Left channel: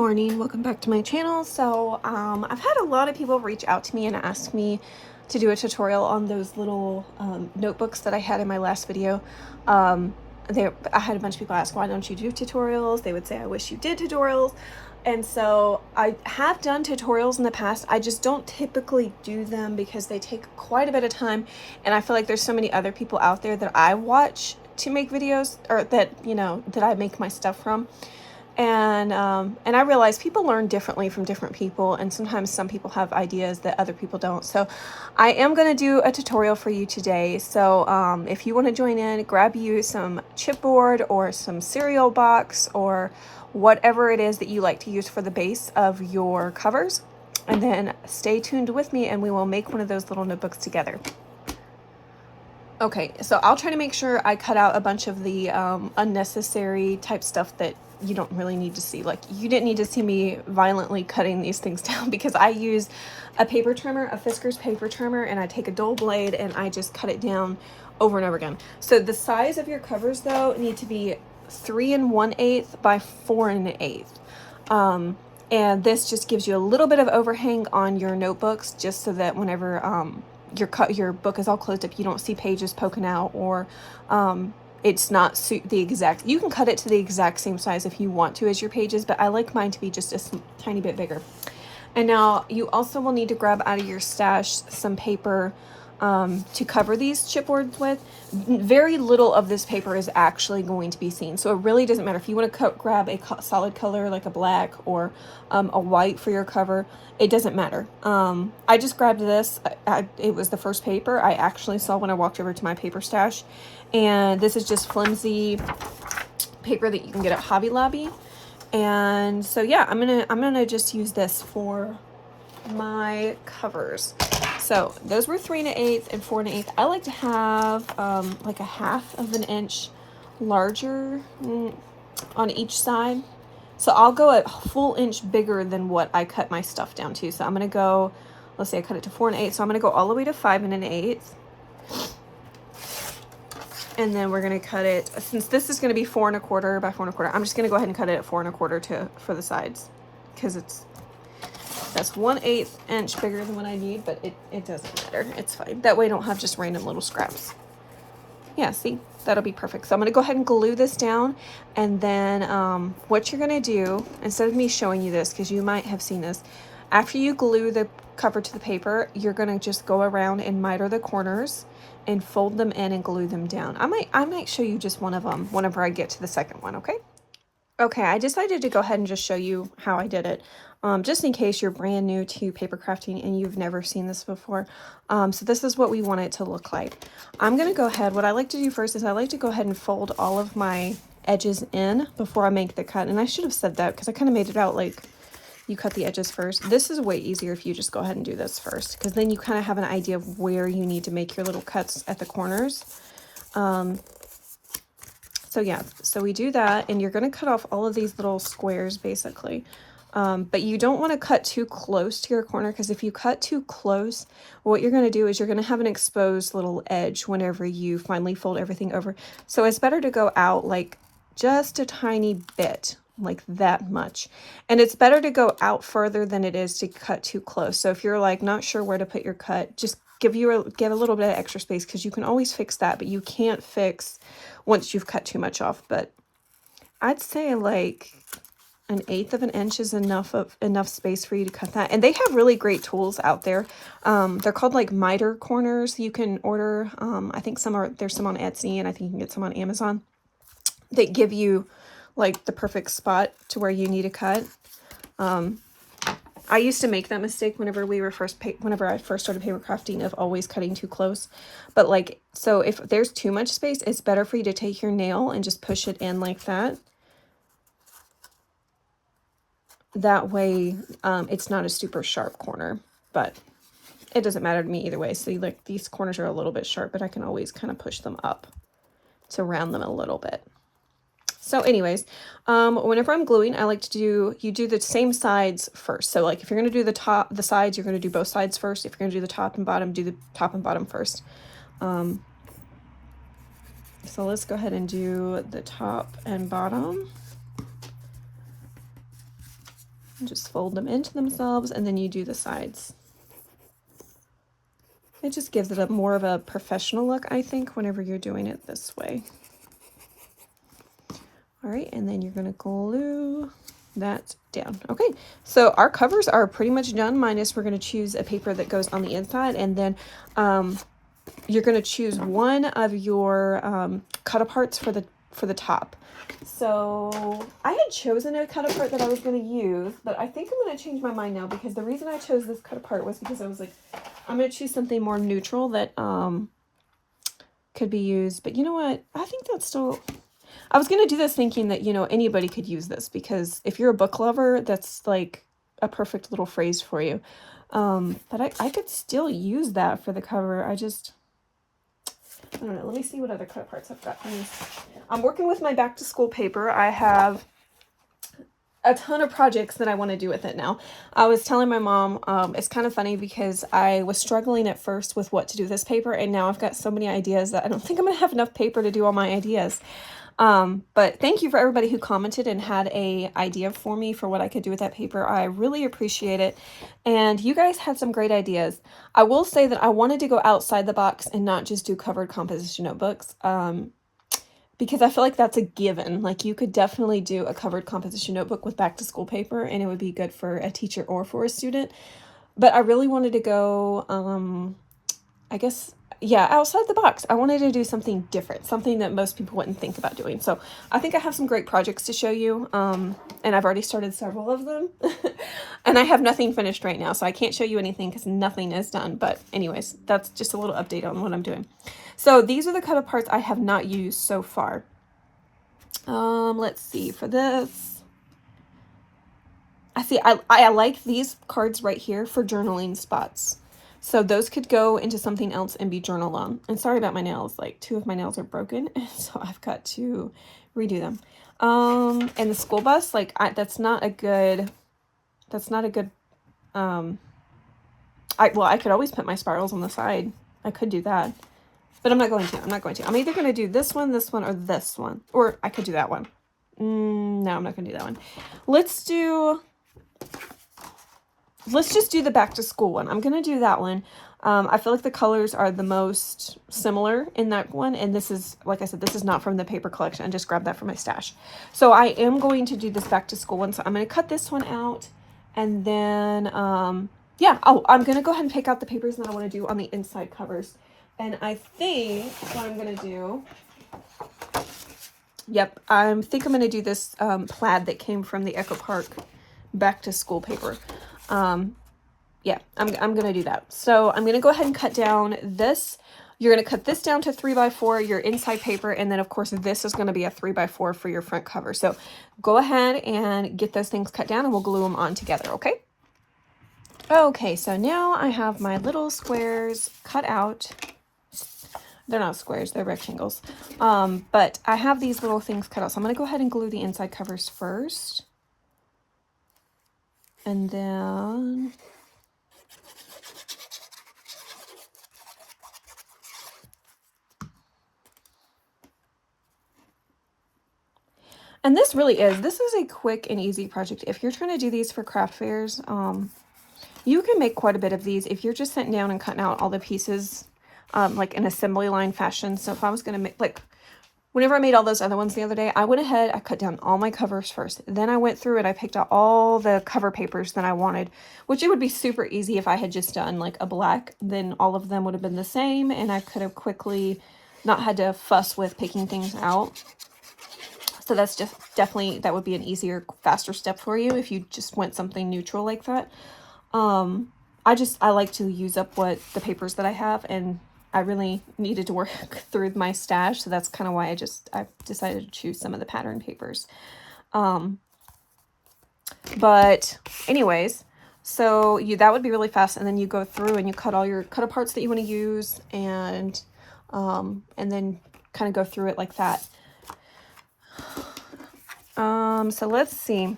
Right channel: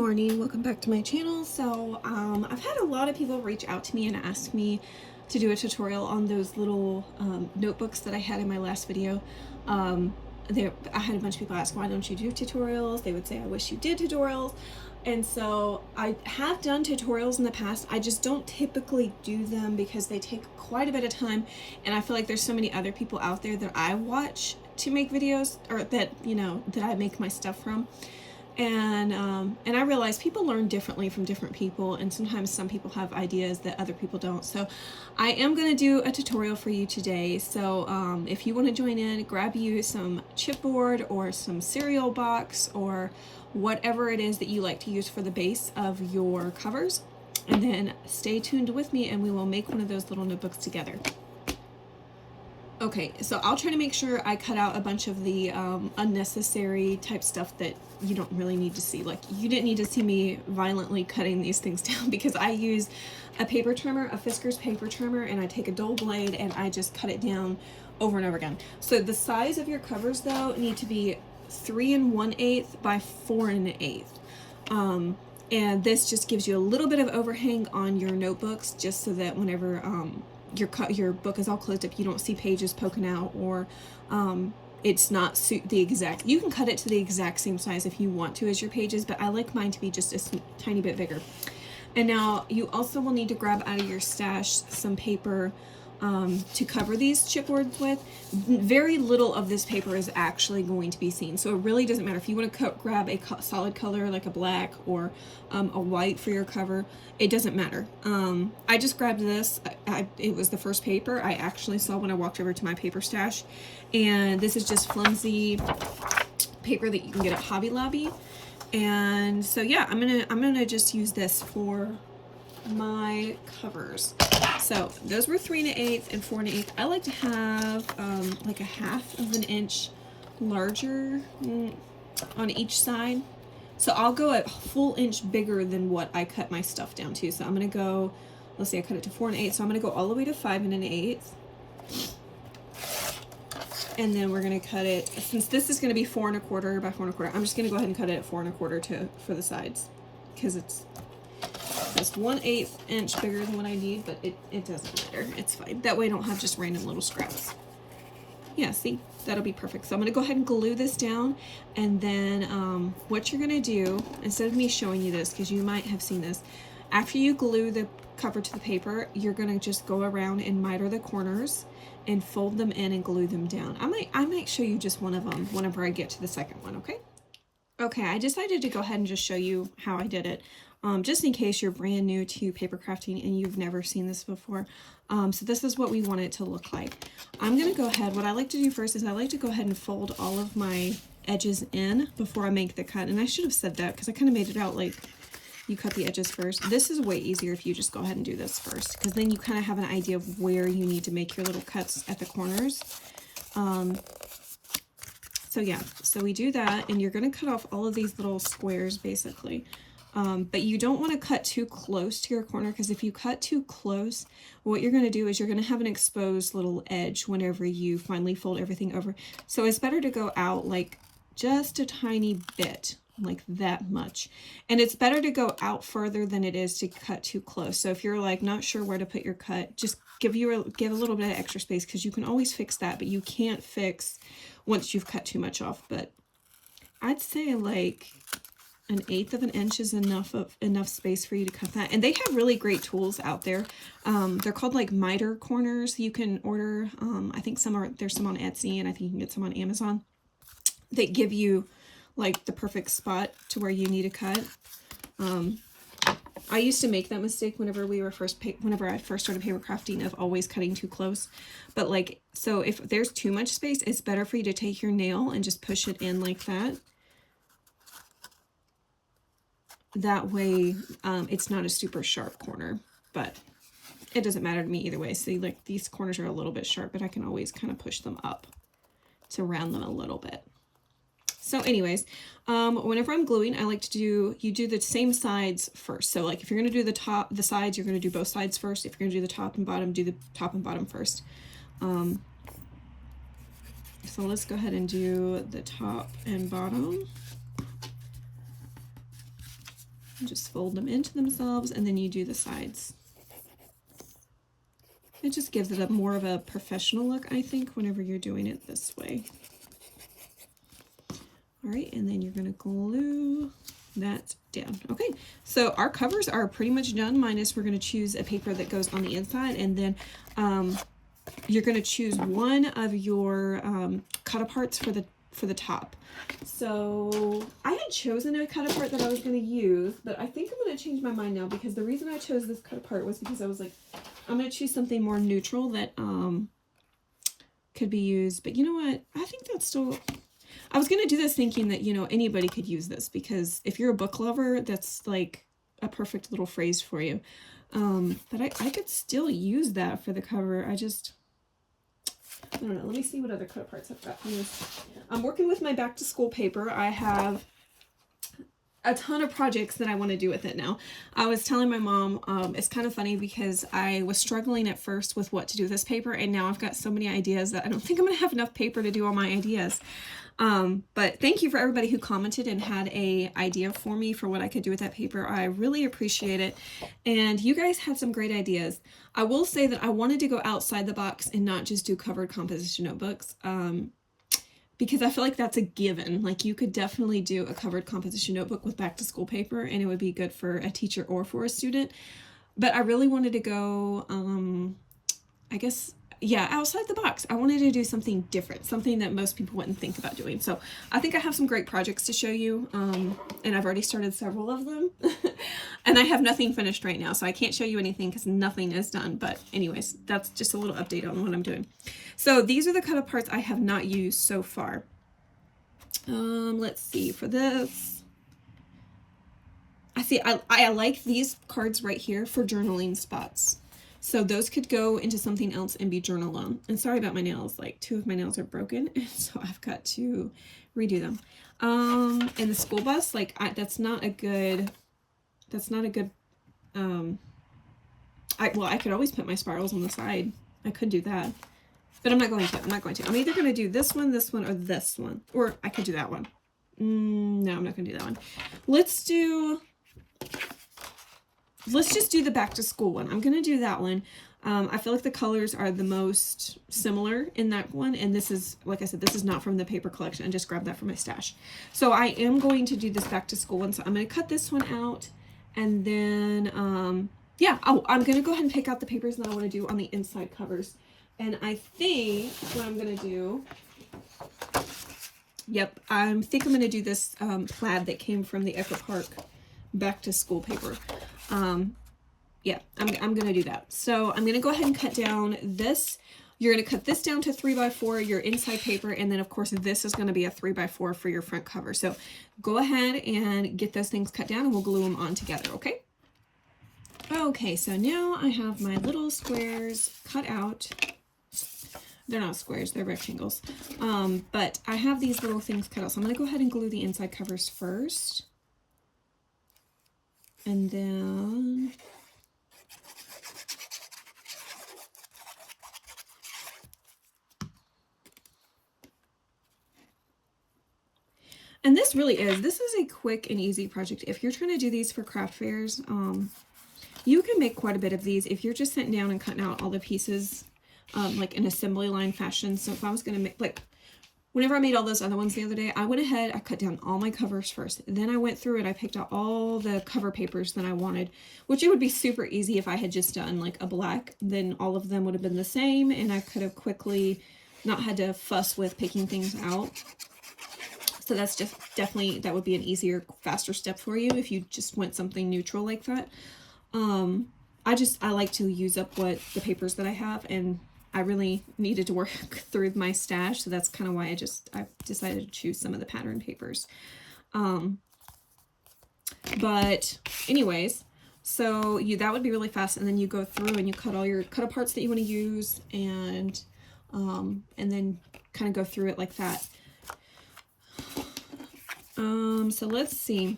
morning, welcome back to my channel. So I've had a lot of people reach out to me and ask me to do a tutorial on those little notebooks that I had in my last video. I had a bunch of people ask, why don't you do tutorials? They would say, I wish you did tutorials. And so I have done tutorials in the past. I just don't typically do them because they take quite a bit of time, and I feel like there's so many other people out there that I watch to make videos, or that, you know, that I make my stuff from. And I realize people learn differently from different people, and sometimes some people have ideas that other people don't. So I am going to do a tutorial for you today. So if you want to join in, grab you some chipboard or some cereal box or whatever it is that you like to use for the base of your covers, and then stay tuned with me and we will make one of those little notebooks together. Okay, so I'll try to make sure I cut out a bunch of the unnecessary type stuff that you don't really need to see. Like, you didn't need to see me violently cutting these things down, because I use a paper trimmer, a Fisker's paper trimmer, and I take a dull blade and I just cut it down over and over again. So the size of your covers, though, need to be 3 1/8 by 4 1/8. And this just gives you a little bit of overhang on your notebooks, just so that whenever your book is all closed up, you don't see pages poking out, or it's not the exact, you can cut it to the exact same size if you want to as your pages, but I like mine to be just a tiny bit bigger. And now you also will need to grab out of your stash some paper to cover these chipboards with. Very little of this paper is actually going to be seen, so it really doesn't matter if you want to grab a solid color like a black or a white for your cover. It doesn't matter. I just grabbed this. It was the first paper I actually saw when I walked over to my paper stash, and this is just flimsy paper that you can get at Hobby Lobby. And so yeah, I'm gonna just use this for my covers. So those were 3 1/8 and 4 1/8. I like to have like a 1/2 inch larger on each side. So I'll go a full inch bigger than what I cut my stuff down to. So I'm gonna go, let's say I cut it to 4 1/8, so I'm gonna go all the way to 5 1/8. And then we're gonna cut it, since this is gonna be 4 1/4 by 4 1/4, I'm just gonna go ahead and cut it at 4 1/4 for the sides, because that's 1/8 inch bigger than what I need, but it doesn't matter. It's fine. That way I don't have just random little scraps. Yeah, see, that'll be perfect. So I'm gonna go ahead and glue this down, and then what you're gonna do, instead of me showing you this, because you might have seen this, after you glue the cover to the paper, you're gonna just go around and miter the corners and fold them in and glue them down. I might show you just one of them whenever I get to the second one, okay? Okay, I decided to go ahead and just show you how I did it, just in case you're brand new to paper crafting and you've never seen this before. So this is what we want it to look like. I'm going to go ahead, what I like to do first is I like to go ahead and fold all of my edges in before I make the cut. And I should have said that, because I kind of made it out like you cut the edges first. This is way easier if you just go ahead and do this first, because then you kind of have an idea of where you need to make your little cuts at the corners. So yeah, so we do that, and you're going to cut off all of these little squares basically. But you don't want to cut too close to your corner, because if you cut too close, what you're going to do is you're going to have an exposed little edge whenever you finally fold everything over. So it's better to go out like just a tiny bit, like that much. And it's better to go out further than it is to cut too close. So if you're like not sure where to put your cut, just get a little bit of extra space, because you can always fix that, but you can't fix once you've cut too much off. But I'd say like 1/8 inch is enough space for you to cut that. And they have really great tools out there. They're called like miter corners. You can order, I think there's some on Etsy, and I think you can get some on Amazon. They give you like the perfect spot to where you need to cut. I used to make that mistake whenever I first started paper crafting, of always cutting too close. But like, so if there's too much space, it's better for you to take your nail and just push it in like that. That way, it's not a super sharp corner, but it doesn't matter to me either way. See, like these corners are a little bit sharp, but I can always kind of push them up to round them a little bit. So anyways, whenever I'm gluing, I like to you do the same sides first. So like if you're going to do the sides, you're going to do both sides first. If you're going to do the top and bottom, do the top and bottom first. So let's go ahead and do the top and bottom. Just fold them into themselves, and then you do the sides. It just gives it a more of a professional look, I think, whenever you're doing it this way. All right, and then you're gonna glue that down. Okay, so our covers are pretty much done, minus we're gonna choose a paper that goes on the inside, and then you're gonna choose one of your cut aparts for the top. So I had chosen a cut apart that I was gonna use, but I think I'm gonna change my mind now, because the reason I chose this cut apart was because I was like, I'm gonna choose something more neutral that could be used. But you know what? I think that's still, I was gonna do this thinking that, you know, anybody could use this, because if you're a book lover, that's like a perfect little phrase for you. But I could still use that for the cover. I don't know. Let me see what other cut aparts I've got. I'm working with my back to school paper. I have a ton of projects that I want to do with it now. I was telling my mom, it's kind of funny because I was struggling at first with what to do with this paper, and now I've got so many ideas that I don't think I'm going to have enough paper to do all my ideas. But thank you for everybody who commented and had a idea for me for what I could do with that paper. I really appreciate it. And you guys had some great ideas. I will say that I wanted to go outside the box and not just do covered composition notebooks. Because I feel like that's a given. Like, you could definitely do a covered composition notebook with back to school paper, and it would be good for a teacher or for a student. But I really wanted to go, I guess, yeah, outside the box. I wanted to do something different, something that most people wouldn't think about doing. So I think I have some great projects to show you, and I've already started several of them. And I have nothing finished right now, so I can't show you anything because nothing is done. But anyways, that's just a little update on what I'm doing. So these are the cut aparts I have not used so far. Let's see, for this, I like these cards right here for journaling spots. So those could go into something else and be journaled on. And sorry about my nails, like 2 of my nails are broken, and so I've got to redo them. And the school bus, like that's not a good, I could always put my spirals on the side. I could do that, but I'm not going to. I'm either going to do this one, or this one, or I could do that one. No, I'm not going to do that one. Let's just do the back to school one. I'm going to do that one. I feel like the colors are the most similar in that one. And this is, like I said, this is not from the paper collection. I just grabbed that from my stash. So I am going to do this back to school one. So I'm going to cut this one out. And then, yeah, I'm going to go ahead and pick out the papers that I want to do on the inside covers. And I think what I'm going to do, yep, I think I'm going to do this plaid that came from the Echo Park back to school paper. Yeah, I'm going to do that. So I'm going to go ahead and cut down this. You're going to cut this down to 3x4, your inside paper. And then of course, this is going to be a 3x4 for your front cover. So go ahead and get those things cut down and we'll glue them on together. Okay. Okay. So now I have my little squares cut out. They're not squares, they're rectangles. But I have these little things cut out. So I'm going to go ahead and glue the inside covers first. And then this is a quick and easy project. If you're trying to do these for craft fairs, you can make quite a bit of these if you're just sitting down and cutting out all the pieces, like in assembly line fashion. So if I was going to make, like, whenever I made all those other ones the other day, I went ahead, I cut down all my covers first. Then I went through it, I picked out all the cover papers that I wanted, which it would be super easy if I had just done like a black, then all of them would have been the same, and I could have quickly not had to fuss with picking things out. So that's just definitely, that would be an easier, faster step for you if you just went something neutral like that. I like to use up what the papers that I have, and I really needed to work through my stash, so that's kind of why I decided to choose some of the pattern papers. But anyways, so that would be really fast, and then you go through and you cut all your cut aparts that you want to use, and then kind of go through it like that. So let's see.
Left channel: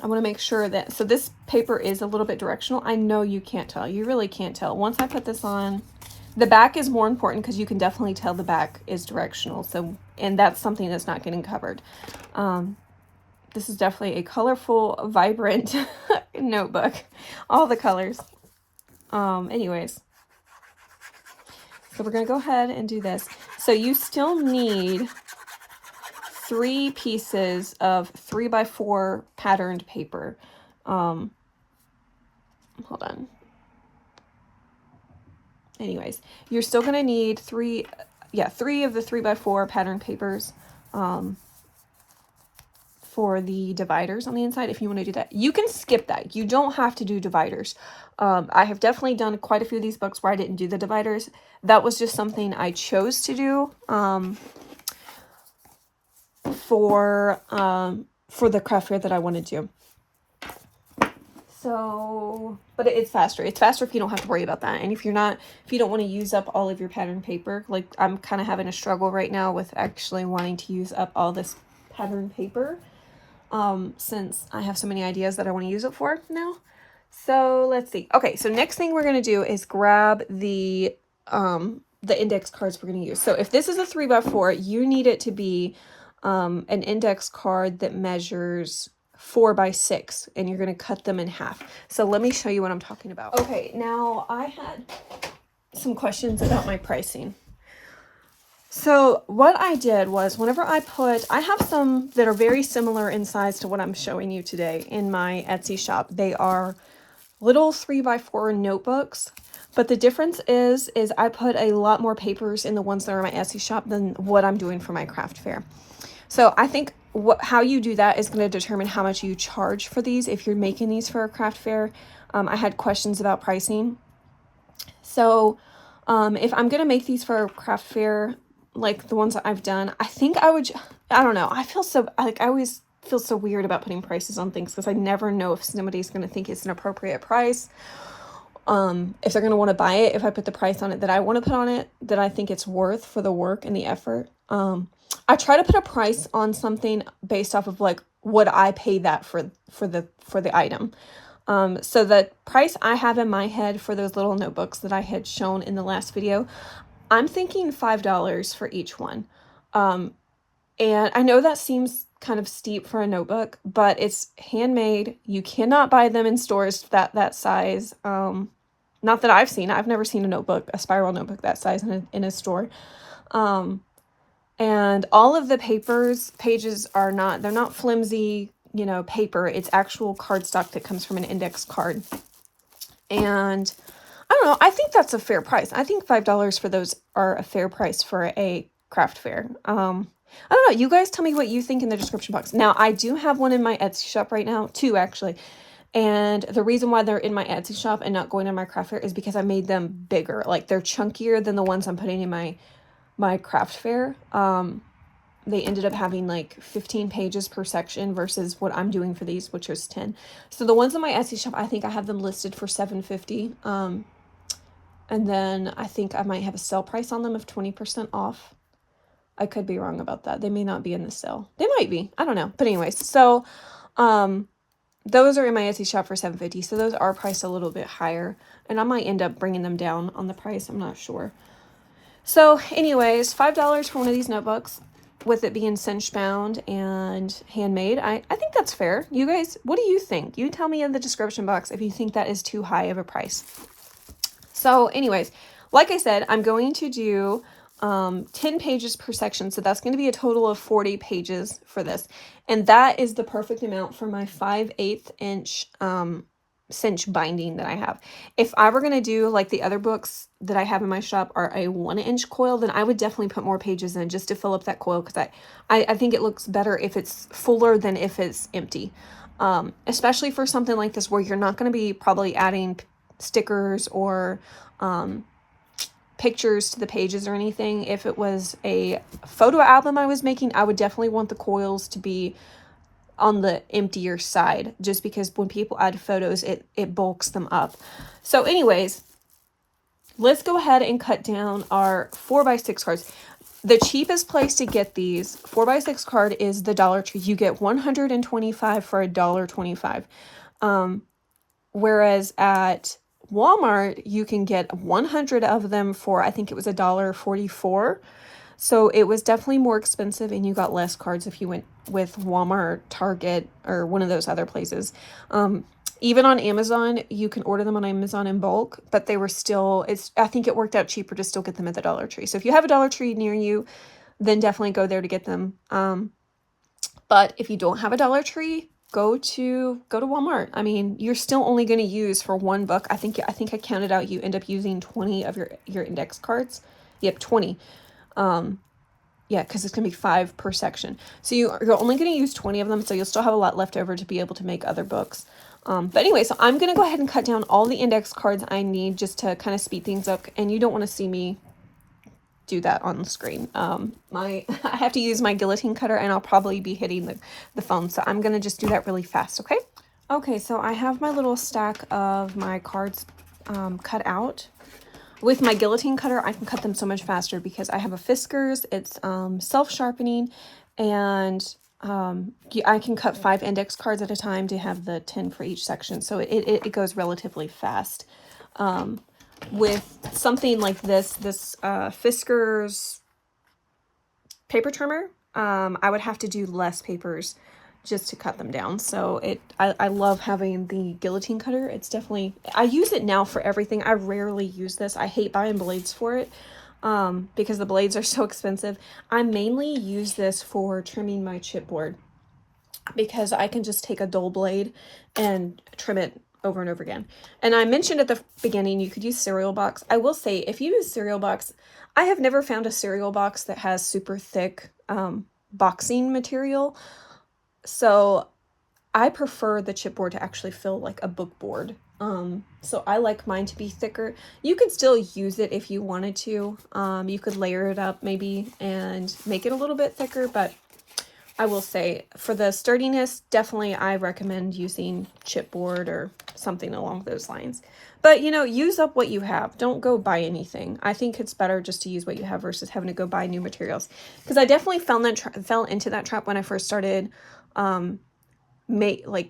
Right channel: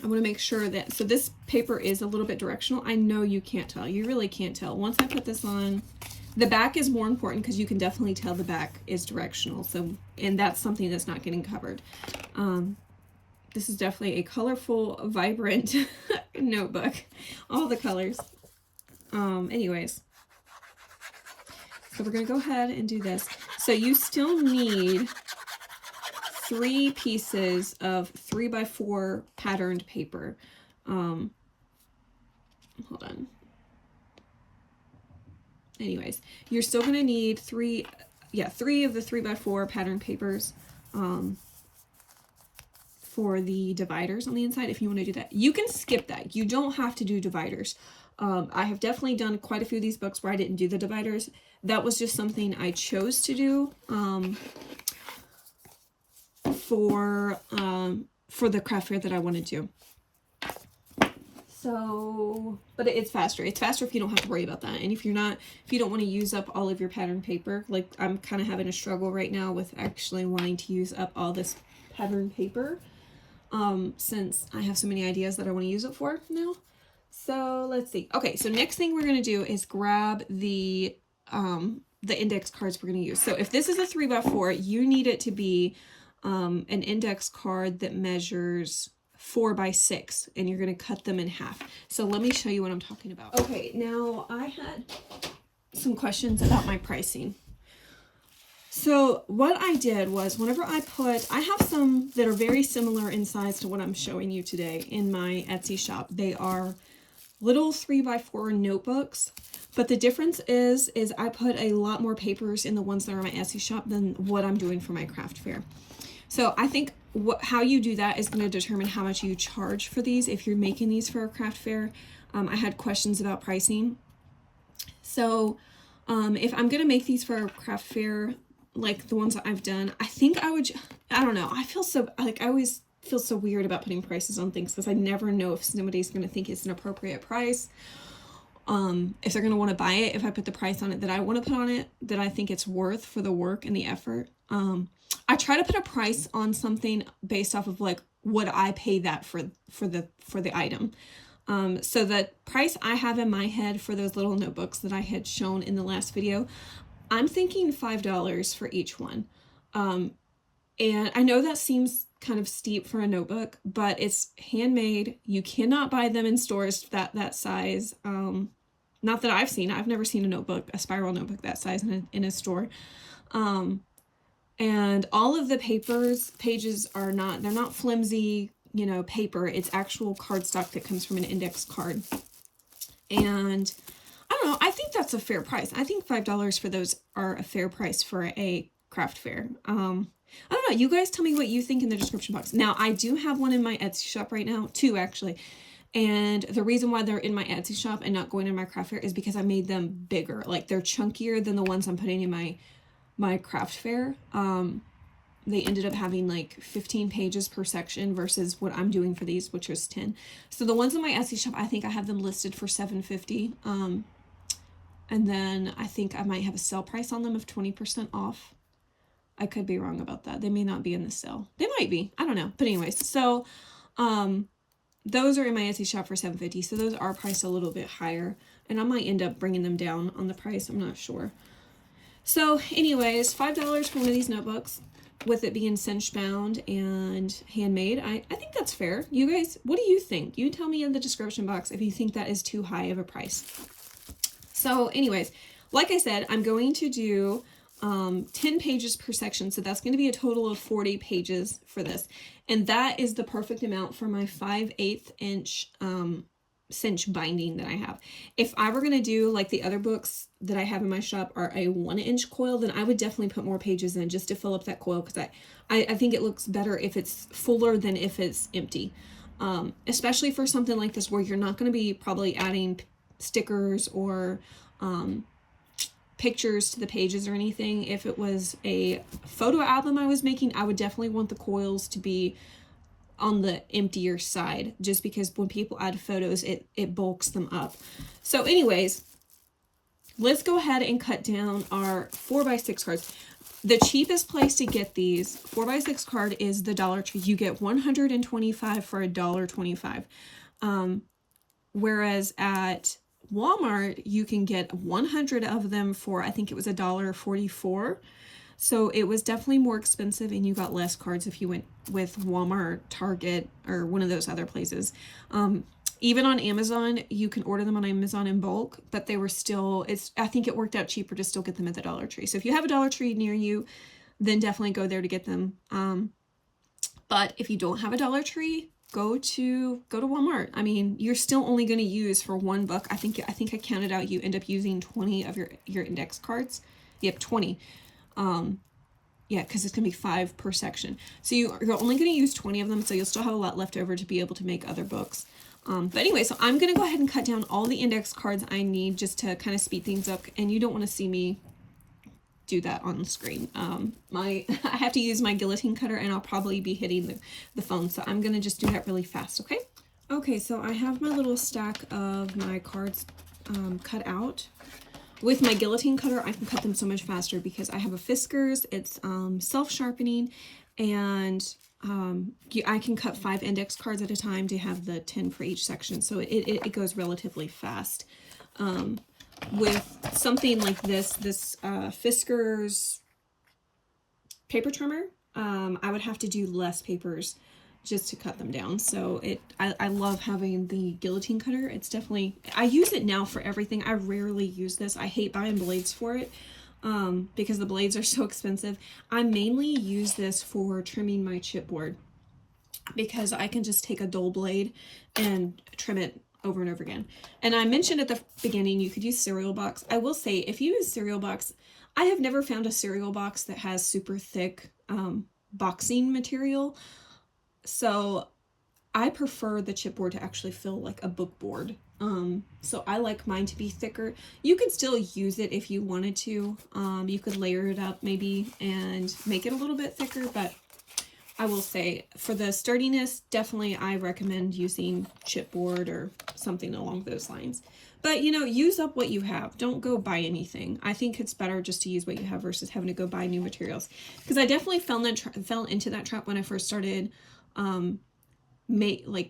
I want to make sure that, so this paper is a little bit directional. I know you can't tell. You really can't tell. Once I put this on, the back is more important because you can definitely tell the back is directional. So, and that's something that's not getting covered. The this is definitely a colorful, vibrant notebook. All the colors. Anyways. So we're going to go ahead and do this. So you still need 3 pieces of 3x4 patterned paper. Hold on. Anyways, you're still going to need 3 of the 3x4 patterned papers for the dividers on the inside. If you want to do that, you can skip that. You don't have to do dividers. I have definitely done quite a few of these books where I didn't do the dividers. That was just something I chose to do for the craft fair that I wanted to. So, but it's faster. It's faster if you don't have to worry about that. And if you don't want to use up all of your pattern paper, like I'm kind of having a struggle right now with actually wanting to use up all this pattern paper, since I have so many ideas that I want to use it for now. So let's see. Okay, so next thing we're going to do is grab the index cards we're going to use. So if this is a 3x4, you need it to be an index card that measures 4x6, and you're going to cut them in half. So let me show you what I'm talking about. Okay, now I had some questions about my pricing. So what I did was whenever I have some that are very similar in size to what I'm showing you today in my Etsy shop. They are little 3x4 notebooks, but the difference is I put a lot more papers in the ones that are in my Etsy shop than what I'm doing for my craft fair. So I think how you do that is going to determine how much you charge for these if you're making these for a craft fair. I had questions about pricing. So if I'm going to make these for a craft fair, like the ones that I've done, I think I don't know. I always feel so weird about putting prices on things because I never know if somebody's going to think it's an appropriate price. If they're going to want to buy it, if I put the price on it that I want to put on it, that I think it's worth for the work and the effort. I try to put a price on something based off of like what I pay that for the item. So the price I have in my head for those little notebooks that I had shown in the last video, I'm thinking $5 for each one. And I know that seems kind of steep for a notebook, but it's handmade. You cannot buy them in stores that size. Not that I've seen. I've never seen a spiral notebook that size in a store. And all of the pages are they're not flimsy, paper. It's actual cardstock that comes from an index card. And I don't know, I think that's a fair price. I think $5 for those are a fair price for a craft fair. I don't know, you guys tell me what you think in the description box. Now, I do have one in my Etsy shop right now, 2 actually. And the reason why they're in my Etsy shop and not going in my craft fair is because I made them bigger. Like they're chunkier than the ones I'm putting in my craft fair. They ended up having like 15 pages per section versus what I'm doing for these, which is 10. So the ones in my Etsy shop, I think I have them listed for $7.50. And then I think I might have a sale price on them of 20% off. I could be wrong about that. They may not be in the sale. They might be. I don't know. But anyways, so those are in my Etsy shop for $7.50. So those are priced a little bit higher. And I might end up bringing them down on the price. I'm not sure. So anyways, $5 for one of these notebooks, with it being cinch bound and handmade. I think that's fair. You guys, what do you think? You tell me in the description box if you think that is too high of a price. So anyways, like I said, I'm going to do 10 pages per section. So that's going to be a total of 40 pages for this. And that is the perfect amount for my 5/8 inch cinch binding that I have. If I were going to do like the other books that I have in my shop are a 1-inch coil, then I would definitely put more pages in just to fill up that coil, because I think it looks better if it's fuller than if it's empty. Especially for something like this where you're not going to be probably adding stickers or pictures to the pages or anything. If it was a photo album I was making, I would definitely want the coils to be on the emptier side, just because when people add photos, it bulks them up. So anyways, let's go ahead and cut down our 4x6 cards. The cheapest place to get these 4x6 card is the Dollar Tree. You get 125 for $1.25. Whereas at Walmart, you can get 100 of them for, I think it was $1.44. So it was definitely more expensive, and you got less cards if you went with Walmart, Target, or one of those other places. Even on Amazon, you can order them on Amazon in bulk, but they were still, I think it worked out cheaper to still get them at the Dollar Tree. So if you have a Dollar Tree near you, then definitely go there to get them. But if you don't have a Dollar Tree, go to Walmart. I mean, you're still only going to use for one book. I think I counted out, you end up using 20 of your index cards. Yep, 20. Yeah, because it's going to be 5 per section. So you're only going to use 20 of them, so you'll still have a lot left over to be able to make other books. But anyway, so I'm going to go ahead and cut down all the index cards I need just to kind of speed things up. And you don't want to see me do that on the screen. I have to use my guillotine cutter, and I'll probably be hitting the phone. So I'm going to just do that really fast, okay? Okay, so I have my little stack of my cards cut out. With my guillotine cutter, I can cut them so much faster because I have a Fiskars. It's self-sharpening, and I can cut 5 index cards at a time to have the 10 for each section. So it goes relatively fast. With something like this Fiskars paper trimmer, I would have to do less papers just to cut them down. So I love having the guillotine cutter. It's definitely, I use it now for everything. I rarely use this. I hate buying blades for it because the blades are so expensive. I mainly use this for trimming my chipboard because I can just take a dull blade and trim it over and over again. And I mentioned at the beginning you could use cereal box. I will say, if you use cereal box, I have never found a cereal box that has super thick boxing material. So I prefer the chipboard to actually feel like a book board. So I like mine to be thicker. You could still use it if you wanted to. You could layer it up maybe and make it a little bit thicker, but I will say for the sturdiness, definitely I recommend using chipboard or something along those lines. But, you know, use up what you have. Don't go buy anything. I think it's better just to use what you have versus having to go buy new materials. Because I definitely fell into that trap when I first started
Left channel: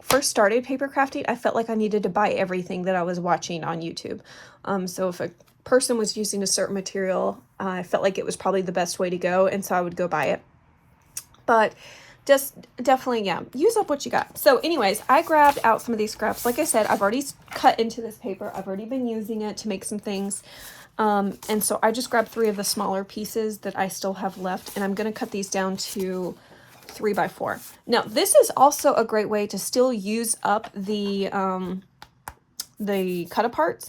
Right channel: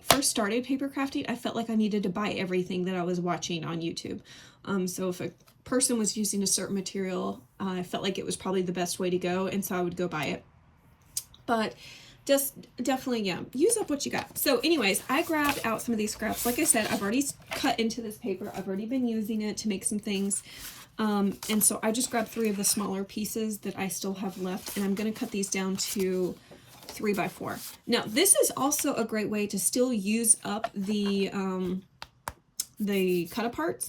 first started paper crafting. I felt like I needed to buy everything that I was watching on YouTube. So if a person was using a certain material, I felt like it was probably the best way to go, and so I would go buy it. But just definitely, yeah, use up what you got. So anyways, I grabbed out some of these scraps. Like I said, I've already cut into this paper. I've already been using it to make some things. And so I just grabbed 3 of the smaller pieces that I still have left, and I'm going to cut these down to 3x4. Now, this is also a great way to still use up the cut aparts,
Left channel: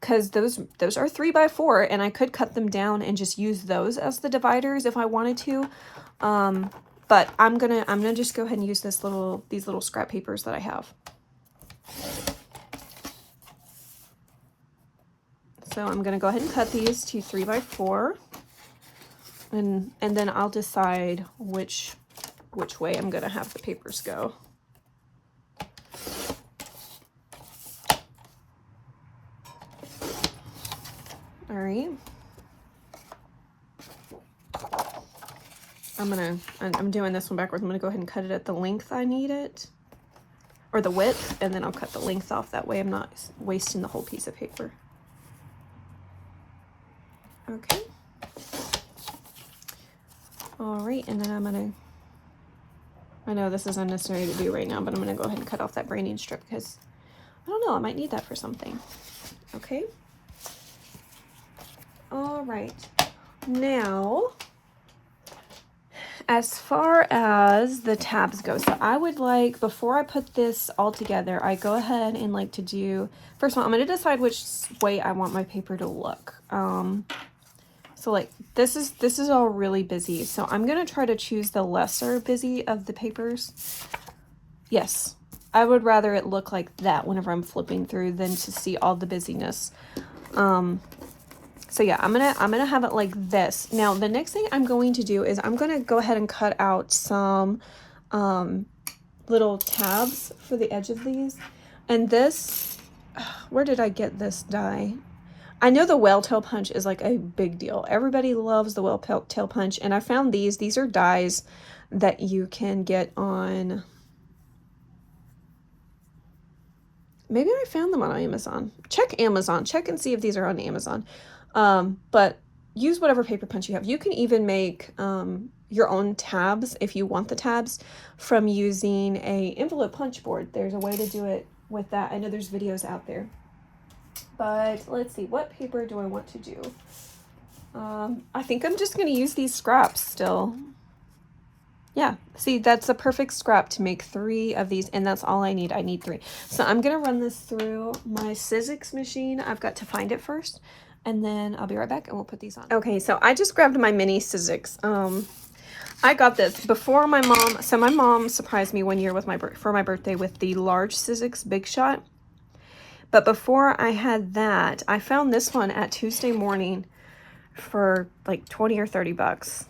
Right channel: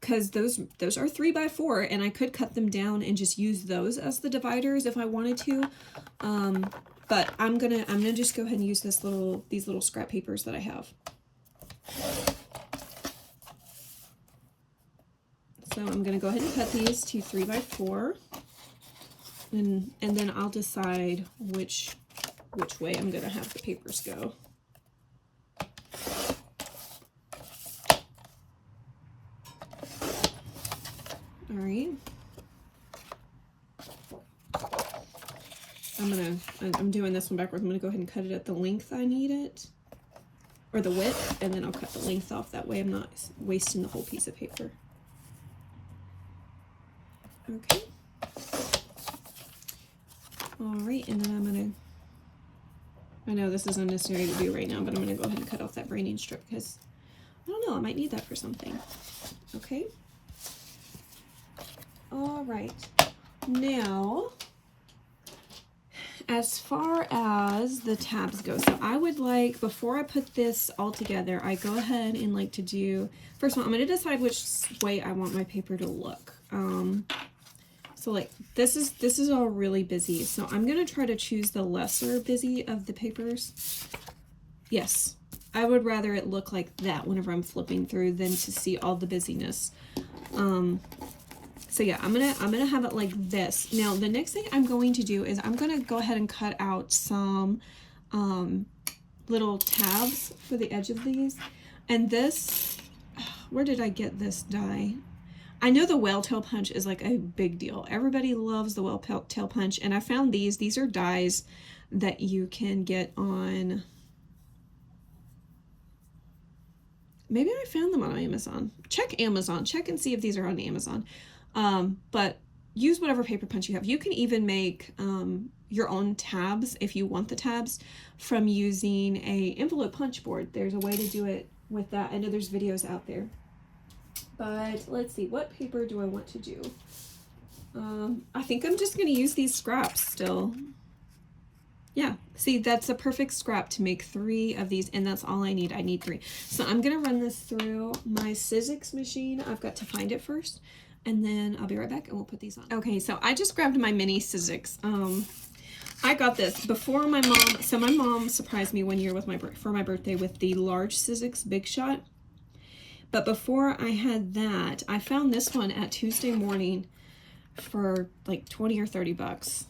because those are 3x4, and I could cut them down and just use those as the dividers if I wanted to. But I'm gonna just go ahead and use these little scrap papers that I have. So I'm gonna go ahead and cut these to 3x4, and then I'll decide which way I'm gonna have the papers go. All right. I'm doing this one backwards. I'm gonna go ahead and cut it at the length I need it, or the width, and then I'll cut the length off. That way I'm not wasting the whole piece of paper. Okay. All right, and then I know this is unnecessary to do right now, but I'm gonna go ahead and cut off that branding strip because I don't know, I might need that for something. Okay. All right. Now, as far as the tabs go, so I would like, before I put this all together, I go ahead and like to do, first of all, I'm going to decide which way I want my paper to look. So like this is all really busy, so I'm going to try to choose the lesser busy of the papers. Yes, I would rather it look like that whenever I'm flipping through than to see all the busyness. So yeah, I'm gonna have it like this. Now the next thing I'm going to do is I'm gonna go ahead and cut out some little tabs for the edge of these. And this, where did I get this die? I know the whale tail punch is like a big deal. Everybody loves the whale tail punch, and I found these. These are dies that you can get on. Maybe I found them on Amazon. Check Amazon. Check and see if these are on Amazon. But use whatever paper punch you have. You can even make your own tabs if you want the tabs from using a envelope punch board. There's a way to do it with that. I know there's videos out there. But let's see, what paper do I want to do? I think I'm just going to use these scraps still. Yeah, see, that's a perfect scrap to make 3 of these, and that's all I need. I need 3. So I'm going to run this through my Cinch machine. I've got to find it first, and then I'll be right back, and we'll put these on. Okay, so I just grabbed my mini Cinch. I got this before my mom. So my mom surprised me one year with for my birthday with the large Cinch Big Shot. But before I had that, I found this one at Tuesday Morning for like 20 or 30 bucks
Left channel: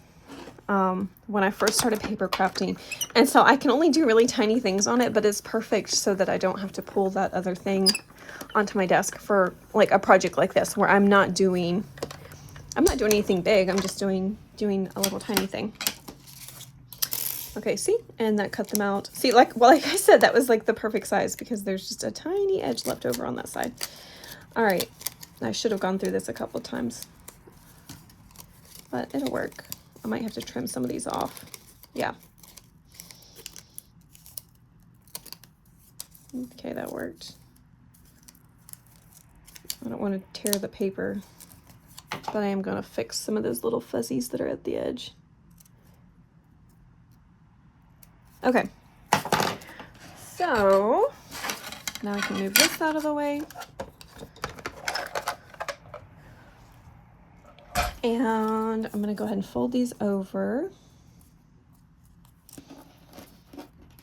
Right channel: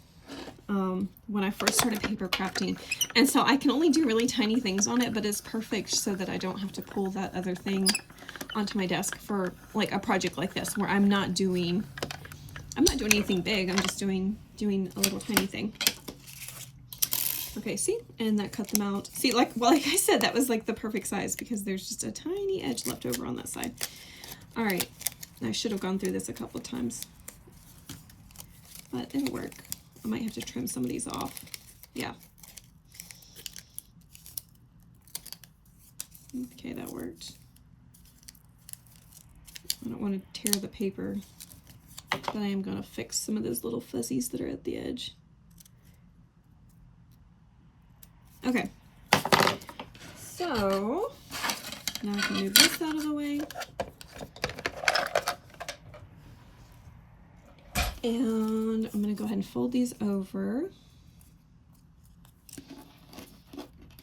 when I first started paper crafting. And so I can only do really tiny things on it, but it's perfect so that I don't have to pull that other thing onto my desk for like a project like this where I'm not doing anything big. I'm just doing a little tiny thing. Okay, see? And that cut them out. See, like I said, that was like the perfect size because there's just a tiny edge left over on that side. All right, I should have gone through this a couple times, but it'll work. I might have to trim some of these off. Yeah. Okay, that worked. I don't want to tear the paper, but I am going to fix some of those little fuzzies that are at the edge. Okay, so now I can move this out of the way. And I'm going to go ahead and fold these over.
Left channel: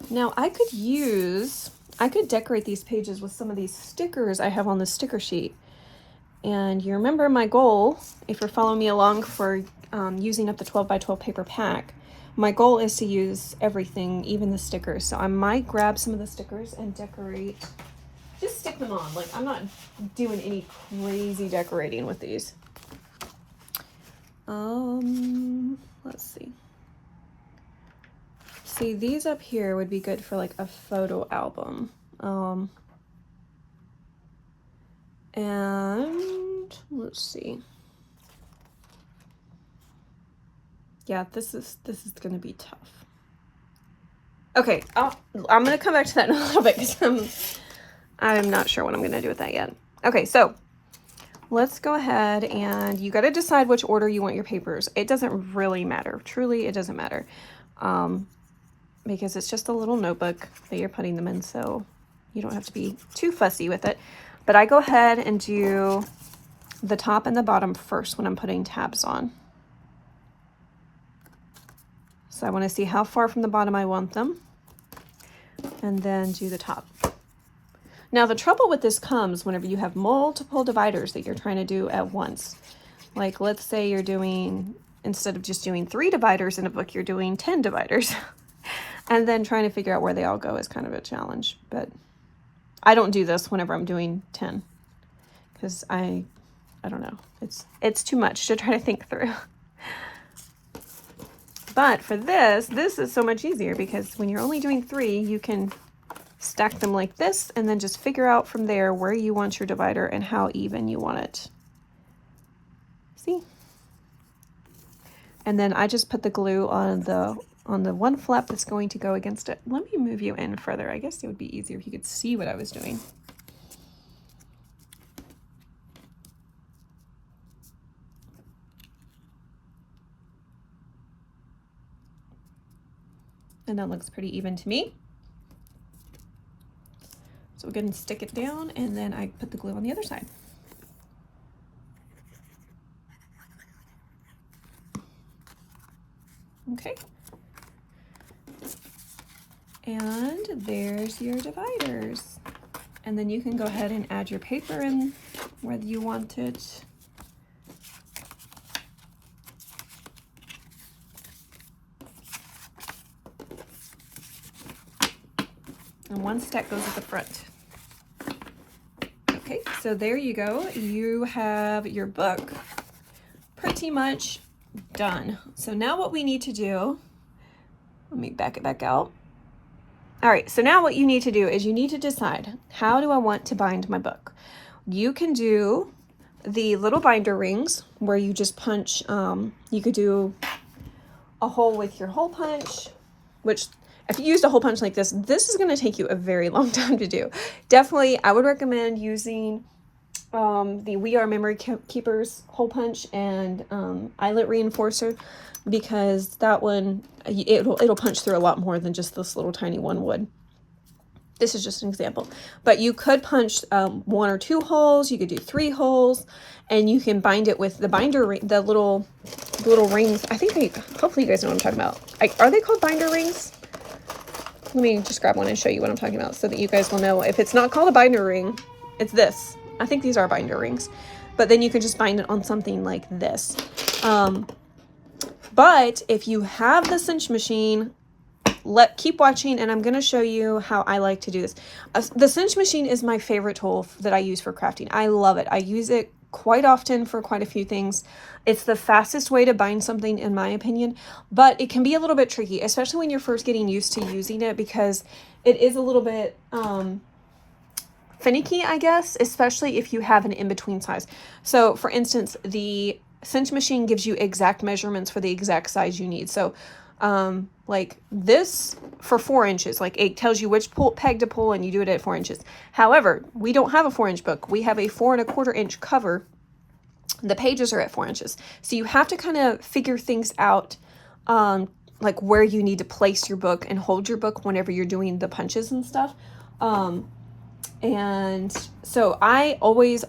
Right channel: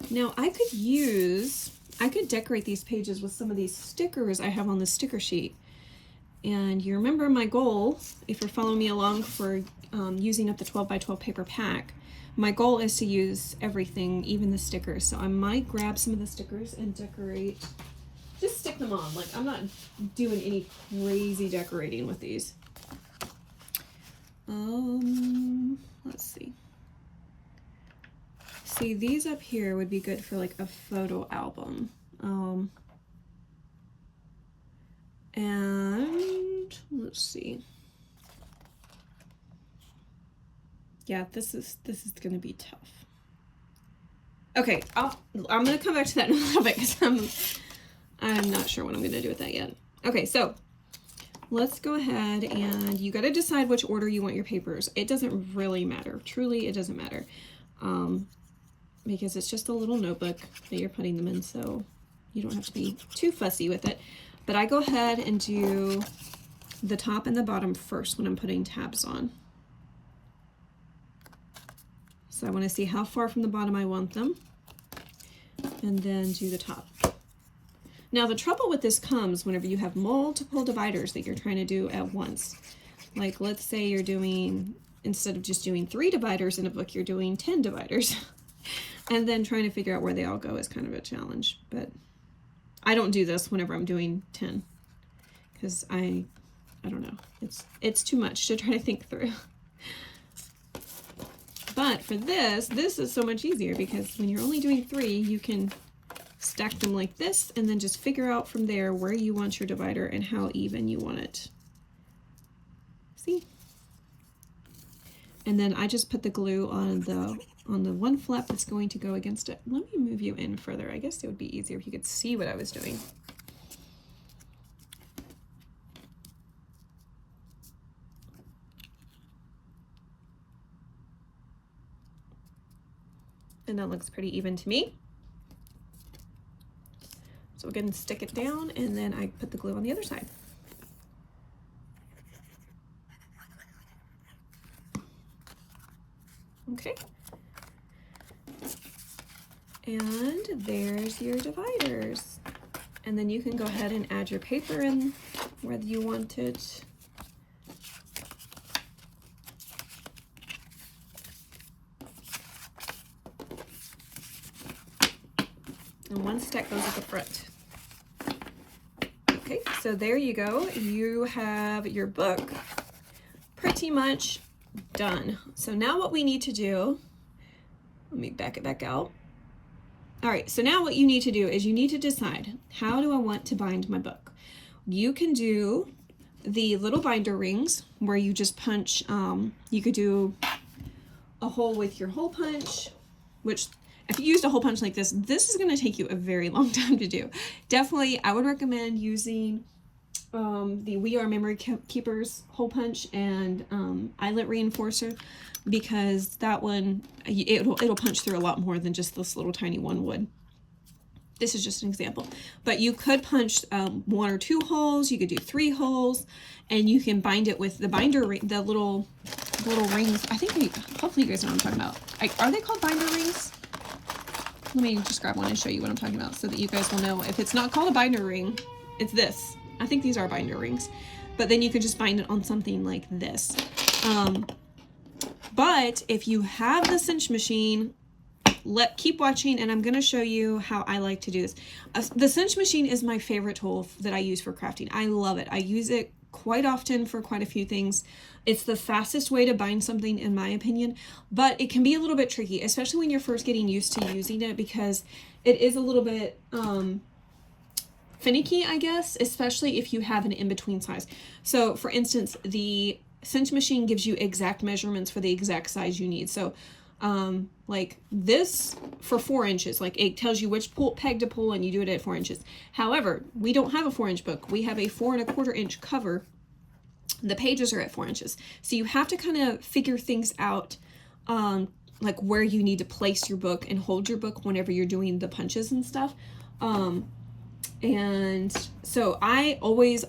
Now I could decorate these pages with some of these stickers I have on the sticker sheet. And you remember my goal, if you're following me along for using up the 12 by 12 paper pack, my goal is to use everything, even the stickers. So I might grab some of the stickers and decorate, just stick them on. Like, I'm not doing any crazy decorating with these. Let's see. See, these up here would be good for like a photo album. And let's see. Yeah, this is going to be tough. Okay, I'm going to come back to that in a little bit because I'm not sure what I'm going to do with that yet. Okay, so let's go ahead and you got to decide which order you want your papers. It doesn't really matter. Truly, it doesn't matter. Because it's just a little notebook that you're putting them in, so you don't have to be too fussy with it. But I go ahead and do the top and the bottom first when I'm putting tabs on. So I want to see how far from the bottom I want them, and then do the top. Now the trouble with this comes whenever you have multiple dividers that you're trying to do at once. Like, let's say you're doing, instead of just doing 3 dividers in a book, you're doing 10 dividers. And then trying to figure out where they all go is kind of a challenge. But I don't do this whenever I'm doing 10 because I don't know. It's too much to try to think through. But for this is so much easier because when you're only doing 3, you can stack them like this and then just figure out from there where you want your divider and how even you want it. See? And then I just put the glue on the one flap that's going to go against it. Let me move you in further. I guess it would be easier if you could see what I was doing. And that looks pretty even to me. So we're going to stick it down, and then I put the glue on the other side. Okay. And there's your dividers. And then you can go ahead and add your paper in whether you want it. And one stack goes at the front. Okay, so there you go. You have your book pretty much done. So now what we need to do, let me back it back out. All right, so now what you need to do is you need to decide, how do I want to bind my book? You can do the little binder rings where you just punch, you could do a hole with your hole punch, which if you used a hole punch like this is going to take you a very long time to do. Definitely, I would recommend using the We Are Memory Keepers hole punch and eyelet reinforcer, because that one, it'll punch through a lot more than just this little tiny one would. This is just an example, but you could punch 1 or 2 holes. You could do 3 holes, and you can bind it with the binder ring, the little rings. I think hopefully you guys know what I'm talking about. Are they called binder rings? Let me just grab one and show you what I'm talking about so that you guys will know. If it's not called a binder ring, it's this. I think these are binder rings, but then you can just bind it on something like this. But if you have the cinch machine, keep watching, and I'm going to show you how I like to do this. The cinch machine is my favorite tool that I use for crafting. I love it. I use it quite often for quite a few things. It's the fastest way to bind something, in my opinion, but it can be a little bit tricky, especially when you're first getting used to using it, because it is a little bit finicky, I guess, especially if you have an in-between size. So for instance, the cinch machine gives you exact measurements for the exact size you need. So like this for 4 inches, like it tells you which peg to pull, and you do it at 4 inches. However, we don't have a 4-inch book. We have a 4 1/4 inch cover. The pages are at 4 inches. So you have to kind of figure things out, like where you need to place your book and hold your book whenever you're doing the punches and stuff. And so I always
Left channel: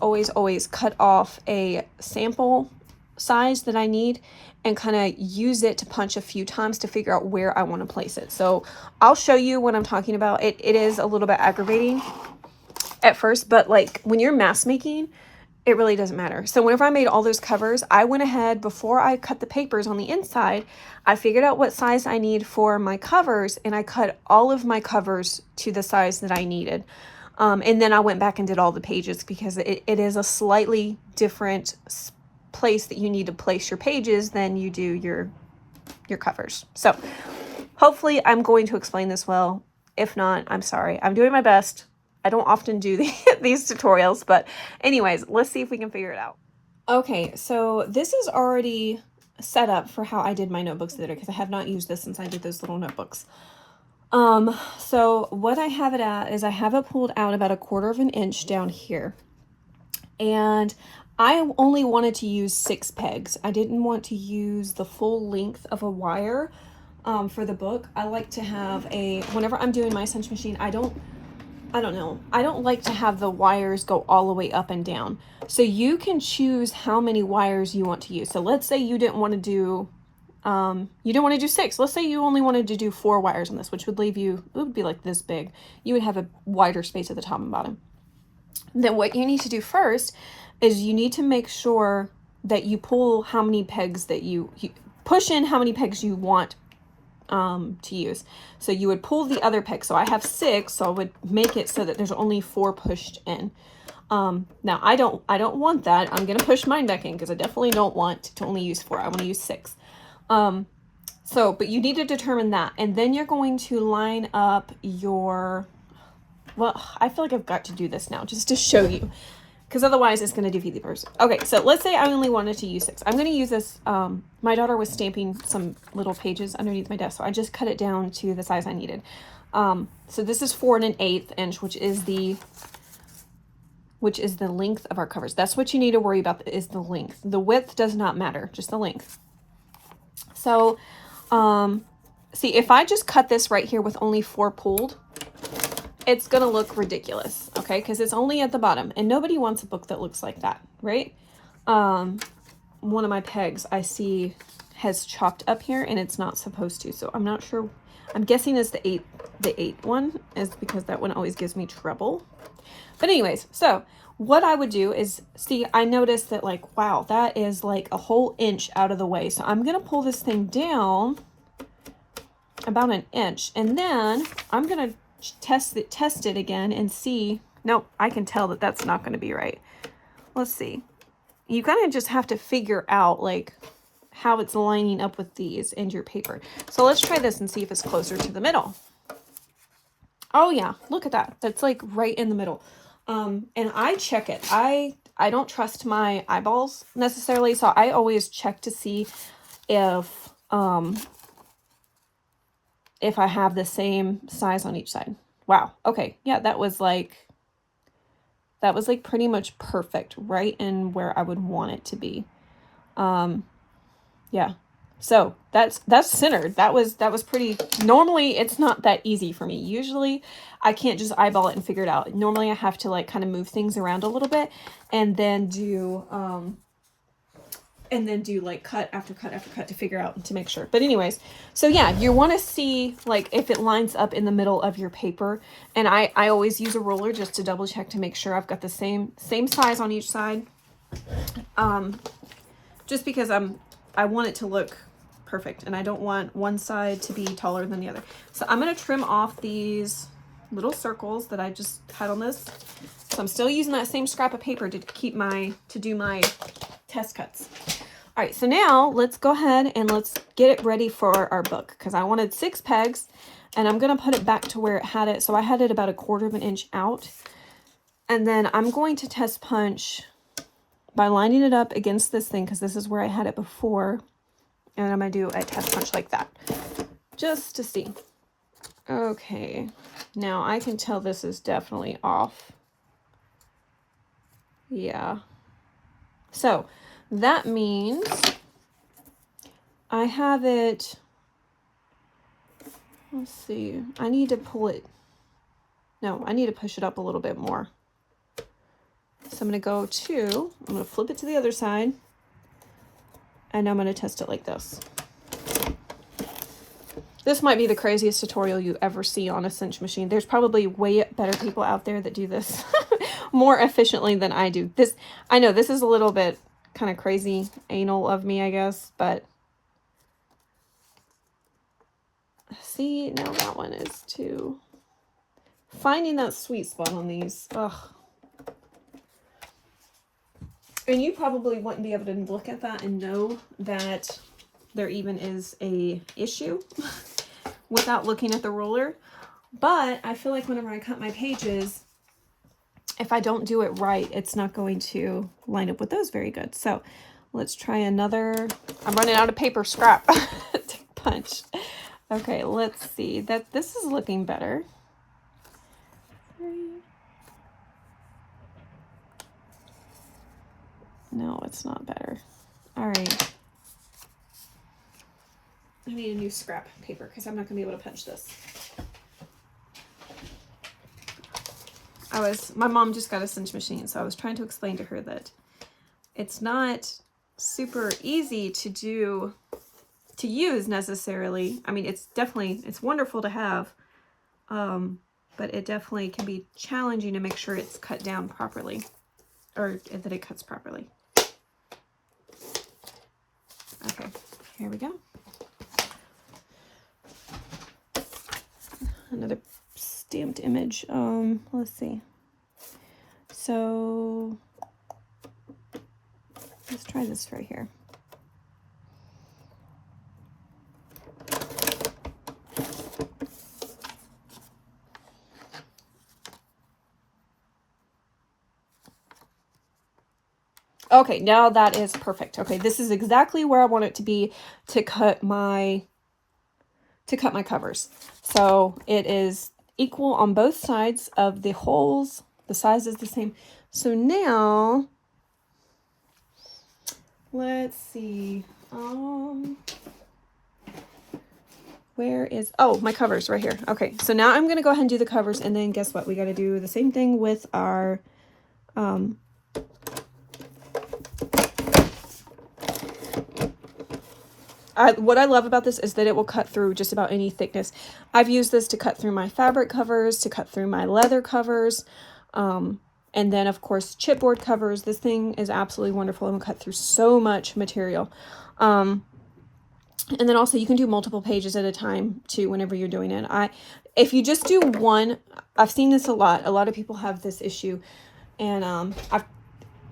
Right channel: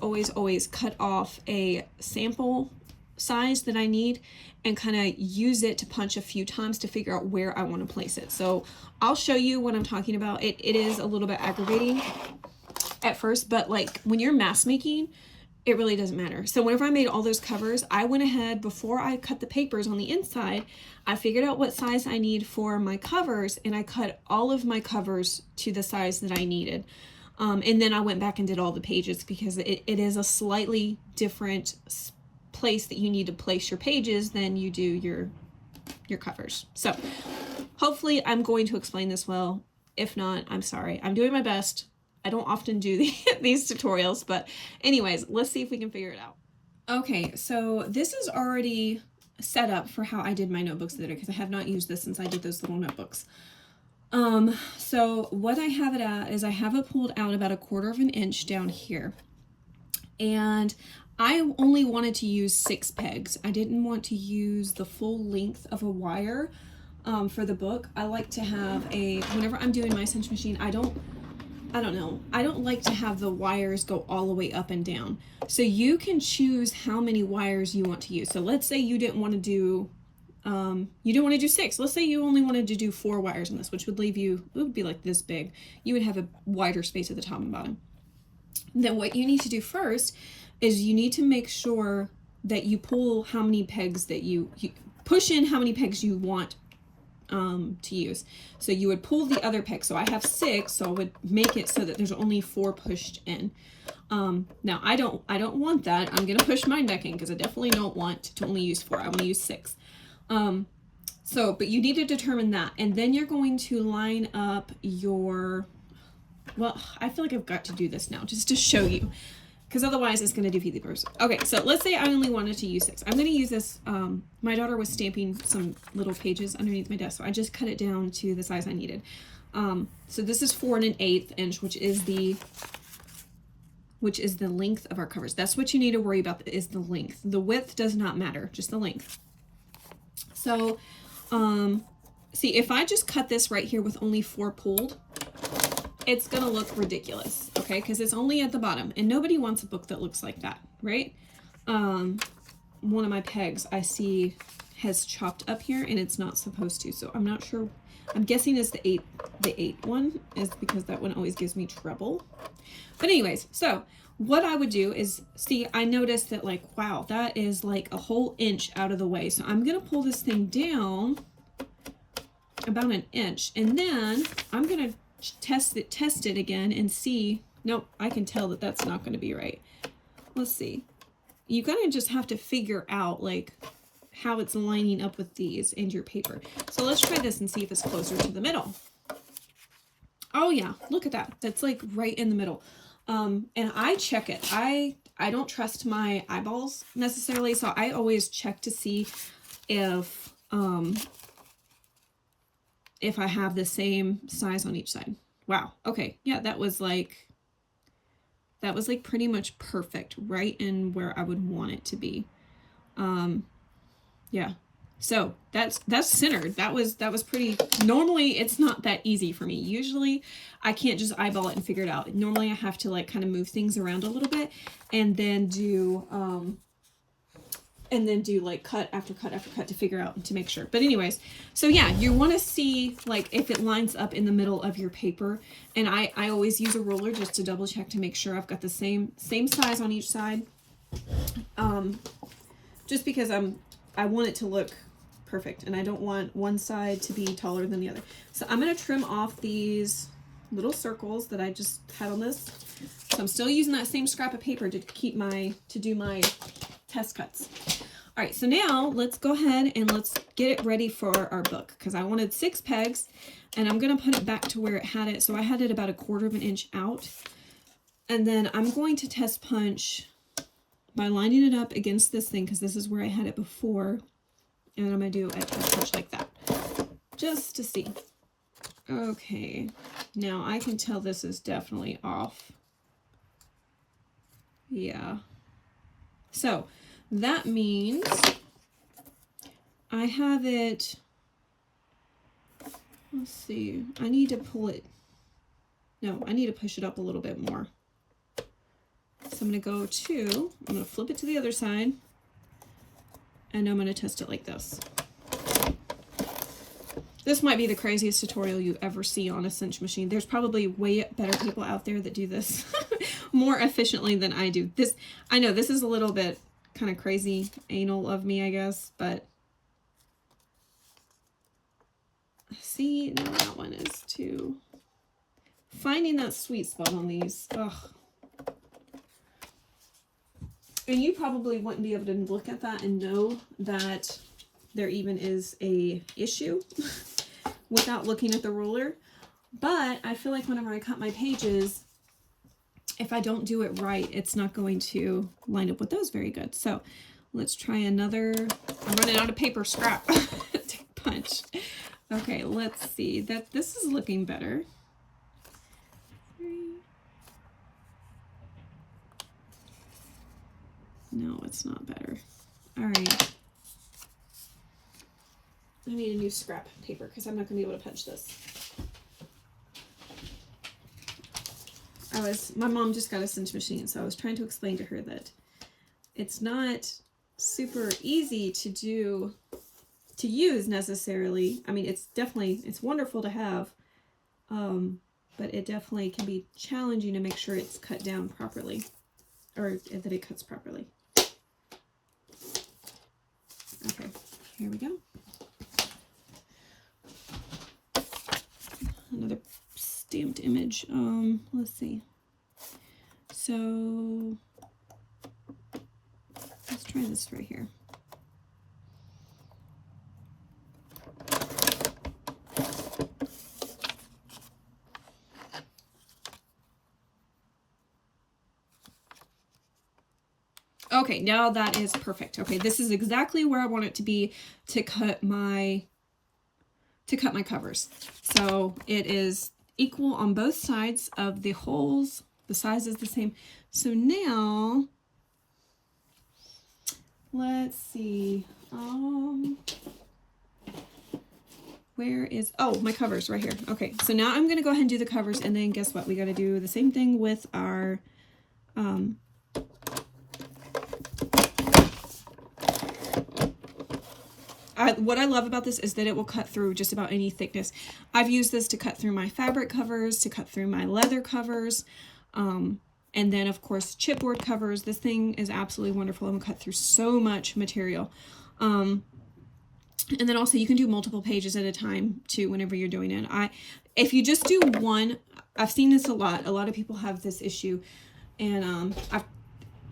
cut off a sample size that I need and kind of use it to punch a few times to figure out where I want to place it. So I'll show you what I'm talking about. It is a little bit aggravating at first, but like when you're mask making, it really doesn't matter. So whenever I made all those covers, I went ahead, before I cut the papers on the inside, I figured out what size I need for my covers, and I cut all of my covers to the size that I needed. And then I went back and did all the pages, because it is a slightly different place that you need to place your pages than you do your covers. So hopefully I'm going to explain this well. If not, I'm sorry. I'm doing my best. I don't often do these tutorials, but anyways, let's see if we can figure it out. Okay, so this is already set up for how I did my notebooks the other day, because I have not used this since I did those little notebooks. So what I have it at is I have it pulled out about 1/4 inch down here. And I only wanted to use 6 pegs. I didn't want to use the full length of a wire for the book. I like to have whenever I'm doing my cinch machine, I don't like to have the wires go all the way up and down. So you can choose how many wires you want to use. So let's say you didn't want to do 6. Let's say you only wanted to do 4 wires on this, which would leave you, it would be like this big. You would have a wider space at the top and bottom. Then what you need to do first is you need to make sure that you pull how many pegs that you push in how many pegs you want to use. So you would pull the other peg. So I have 6, so I would make it so that there's only 4 pushed in. Now I don't want that. I'm going to push mine back in, because I definitely don't want to only use 4. I want to use 6. But you need to determine that. And then you're going to line up well, I feel like I've got to do this now just to show you, because otherwise it's going to defeat the purpose. Okay, so let's say I only wanted to use 6. I'm going to use this. My daughter was stamping some little pages underneath my desk, so I just cut it down to the size I needed. So this is 4 1/8 inch, which is the length of our covers. That's what you need to worry about, is the length. The width does not matter, just the length. So, see, if I just cut this right here with only 4 pulled, it's going to look ridiculous, okay? Because it's only at the bottom, and nobody wants a book that looks like that, right? One of my pegs I see has chopped up here, and it's not supposed to, so I'm not sure. I'm guessing it's the 8 one, is because that one always gives me trouble. But anyways, so what I would do is, see, I noticed that, like, wow, that is like a whole inch out of the way. So I'm going to pull this thing down about 1 inch, and then I'm going to test it again and see. Nope, I can tell that that's not going to be right. Let's see. You kind of just have to figure out like how it's lining up with these and your paper. So let's try this and see if it's closer to the middle. Oh yeah, look at that. That's like right in the middle. And I check it. I I don't trust my eyeballs necessarily, so I always check to see if I have the same size on each side. Wow. Okay. Yeah, that was like pretty much perfect, right in where I would want it to be. Yeah. So that's centered. That was pretty, normally it's not that easy for me. Usually I can't just eyeball it and figure it out. Normally I have to like kind of move things around a little bit and then do like cut after cut after cut to figure out and to make sure. But anyways, so yeah, you want to see like if it lines up in the middle of your paper. And I always use a ruler just to double check to make sure I've got the same size on each side. Just because I want it to look perfect and I don't want one side to be taller than the other. So I'm going to trim off these little circles that I just cut on this. So I'm still using that same scrap of paper to do my test cuts. All right, so now let's go ahead and let's get it ready for our book, because I wanted 6 pegs and I'm going to put it back to where it had it. So I had it about 1/4 of an inch out. And then I'm going to test punch by lining it up against this thing, because this is where I had it before. And I'm going to do a test punch like that, just to see. Okay, now I can tell this is definitely off. Yeah. So that means I have it, let's see, I need to pull it, no, I need to push it up a little bit more. So I'm going to flip it to the other side, and I'm going to test it like this. This might be the craziest tutorial you ever see on a cinch machine. There's probably way better people out there that do this more efficiently than I do. I know this is a little bit kind of crazy anal of me, I guess, but see, now that one is too, finding that sweet spot on these. Ugh. And you probably wouldn't be able to look at that and know that there even is a issue without looking at the ruler. But I feel like whenever I cut my pages, if I don't do it right, it's not going to line up with those very good. So let's try another. I'm running out of paper scrap to punch. Okay, let's see. This is looking better. No, it's not better. All right. I need a new scrap paper because I'm not going to be able to punch this. My mom just got a cinch machine, so I was trying to explain to her that it's not super easy to use necessarily. I mean, it's wonderful to have, but it definitely can be challenging to make sure it's cut down properly, or that it cuts properly. Okay, here we go. Another stamped image. Let's see. So let's try this right here. Okay, now that is perfect. Okay, this is exactly where I want it to be to cut my covers. So it is equal on both sides of the holes. The size is the same. So now let's see. Where is, oh, my covers right here. Okay, so now I'm going to go ahead and do the covers, and then guess what? We got to do the same thing with our what I love about this is that it will cut through just about any thickness. I've used this to cut through my fabric covers, to cut through my leather covers, and then of course chipboard covers. This thing is absolutely wonderful and will cut through so much material. And then also you can do multiple pages at a time too whenever you're doing it. If you just do one, I've seen this a lot. A lot of people have this issue, and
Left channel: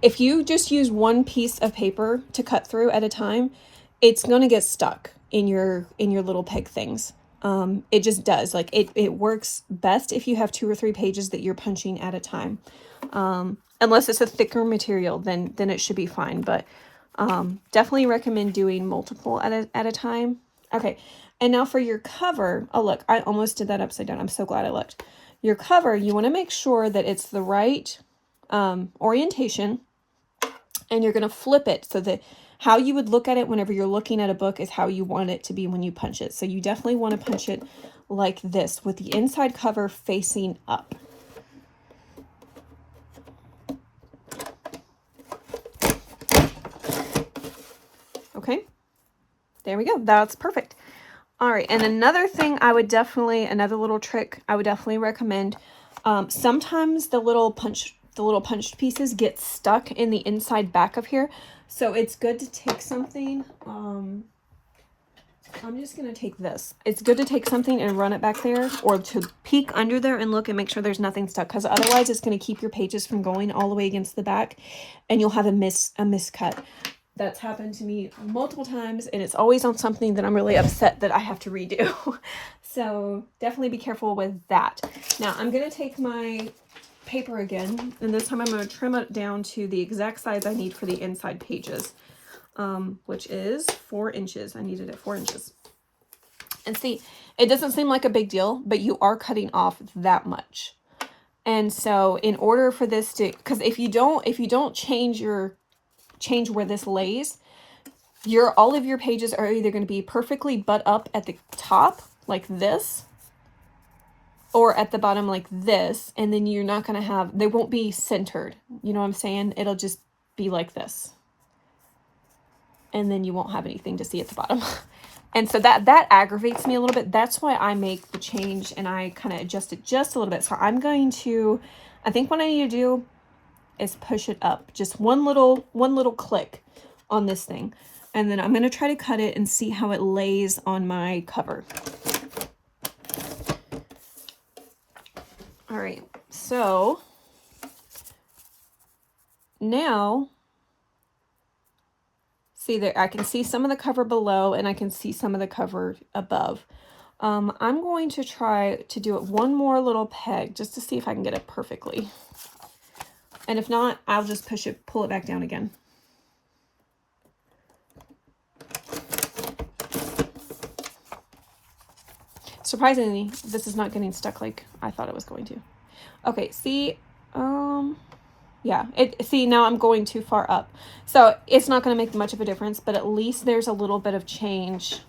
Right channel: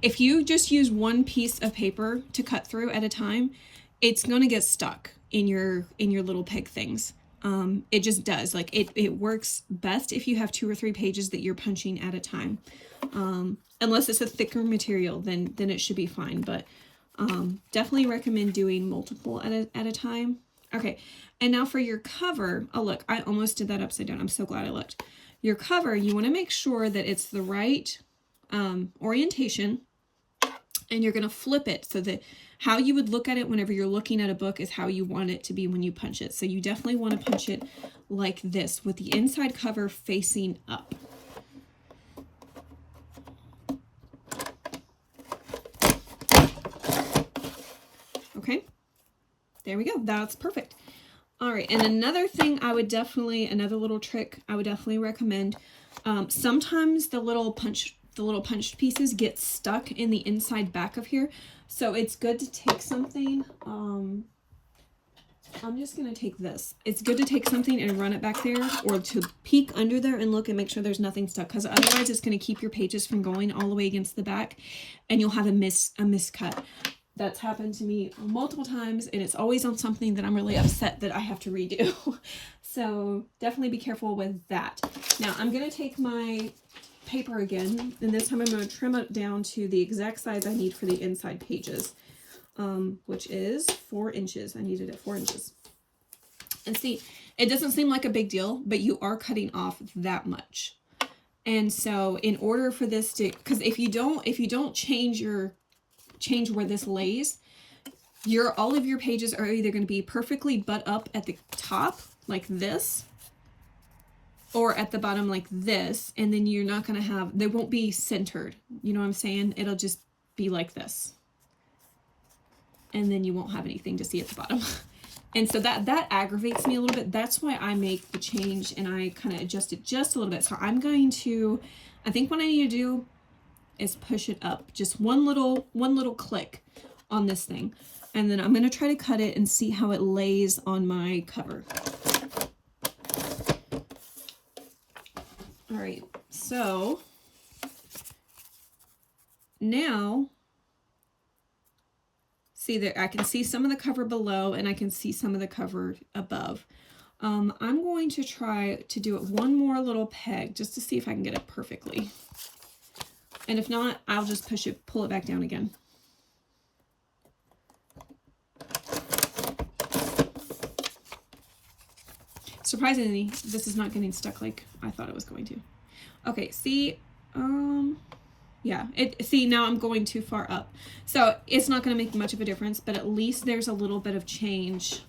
if you just use one piece of paper to cut through at a time, it's going to get stuck in your little peg things. It just does. Like it works best if you have 2 or 3 pages that you're punching at a time. unless it's a thicker material, then it should be fine. But definitely recommend doing multiple at a time. Okay, and now for your cover, oh look, I almost did that upside down. I'm so glad I looked. Your cover, you want to make sure that it's the right orientation, and you're going to flip it so that how you would look at it whenever you're looking at a book is how you want it to be when you punch it. So you definitely want to punch it like this with the inside cover facing up. Okay, there we go. That's perfect. All right, and another thing another little trick I would definitely recommend, sometimes the little punched pieces get stuck in the inside back of here. So it's good to take something, I'm just going to take this. It's good to take something and run it back there, or to peek under there and look and make sure there's nothing stuck, because otherwise it's going to keep your pages from going all the way against the back and you'll have a miscut. That's happened to me multiple times, and it's always on something that I'm really upset that I have to redo. So definitely be careful with that. Now I'm going to take my paper again, and this time I'm going to trim it down to the exact size I need for the inside pages, which is 4 inches. I needed it 4 inches. And see, it doesn't seem like a big deal, but you are cutting off that much. And so in order for this to, because if you don't change where this lays, all of your pages are either going to be perfectly butt up at the top like this, or at the bottom like this, and then you're not going to have, they won't be centered. You know what I'm saying? It'll just be like this. And then you won't have anything to see at the bottom. And so that aggravates me a little bit. That's why I make the change and I kind of adjust it just a little bit. So I'm going to, I think what I need to do is push it up just one little click on this thing, and then I'm going to try to cut it and see how it lays on my cover. All right, so now see that I can see some of the cover below and I can see some of the cover above. I'm going to try to do it one more little peg just to see if I can get it perfectly. And if not, I'll just pull it back down again. Surprisingly, this is not getting stuck like I thought it was going to. Okay, see, yeah, see, now I'm going too far up. So it's not going to make much of a difference, but at least there's a little bit of change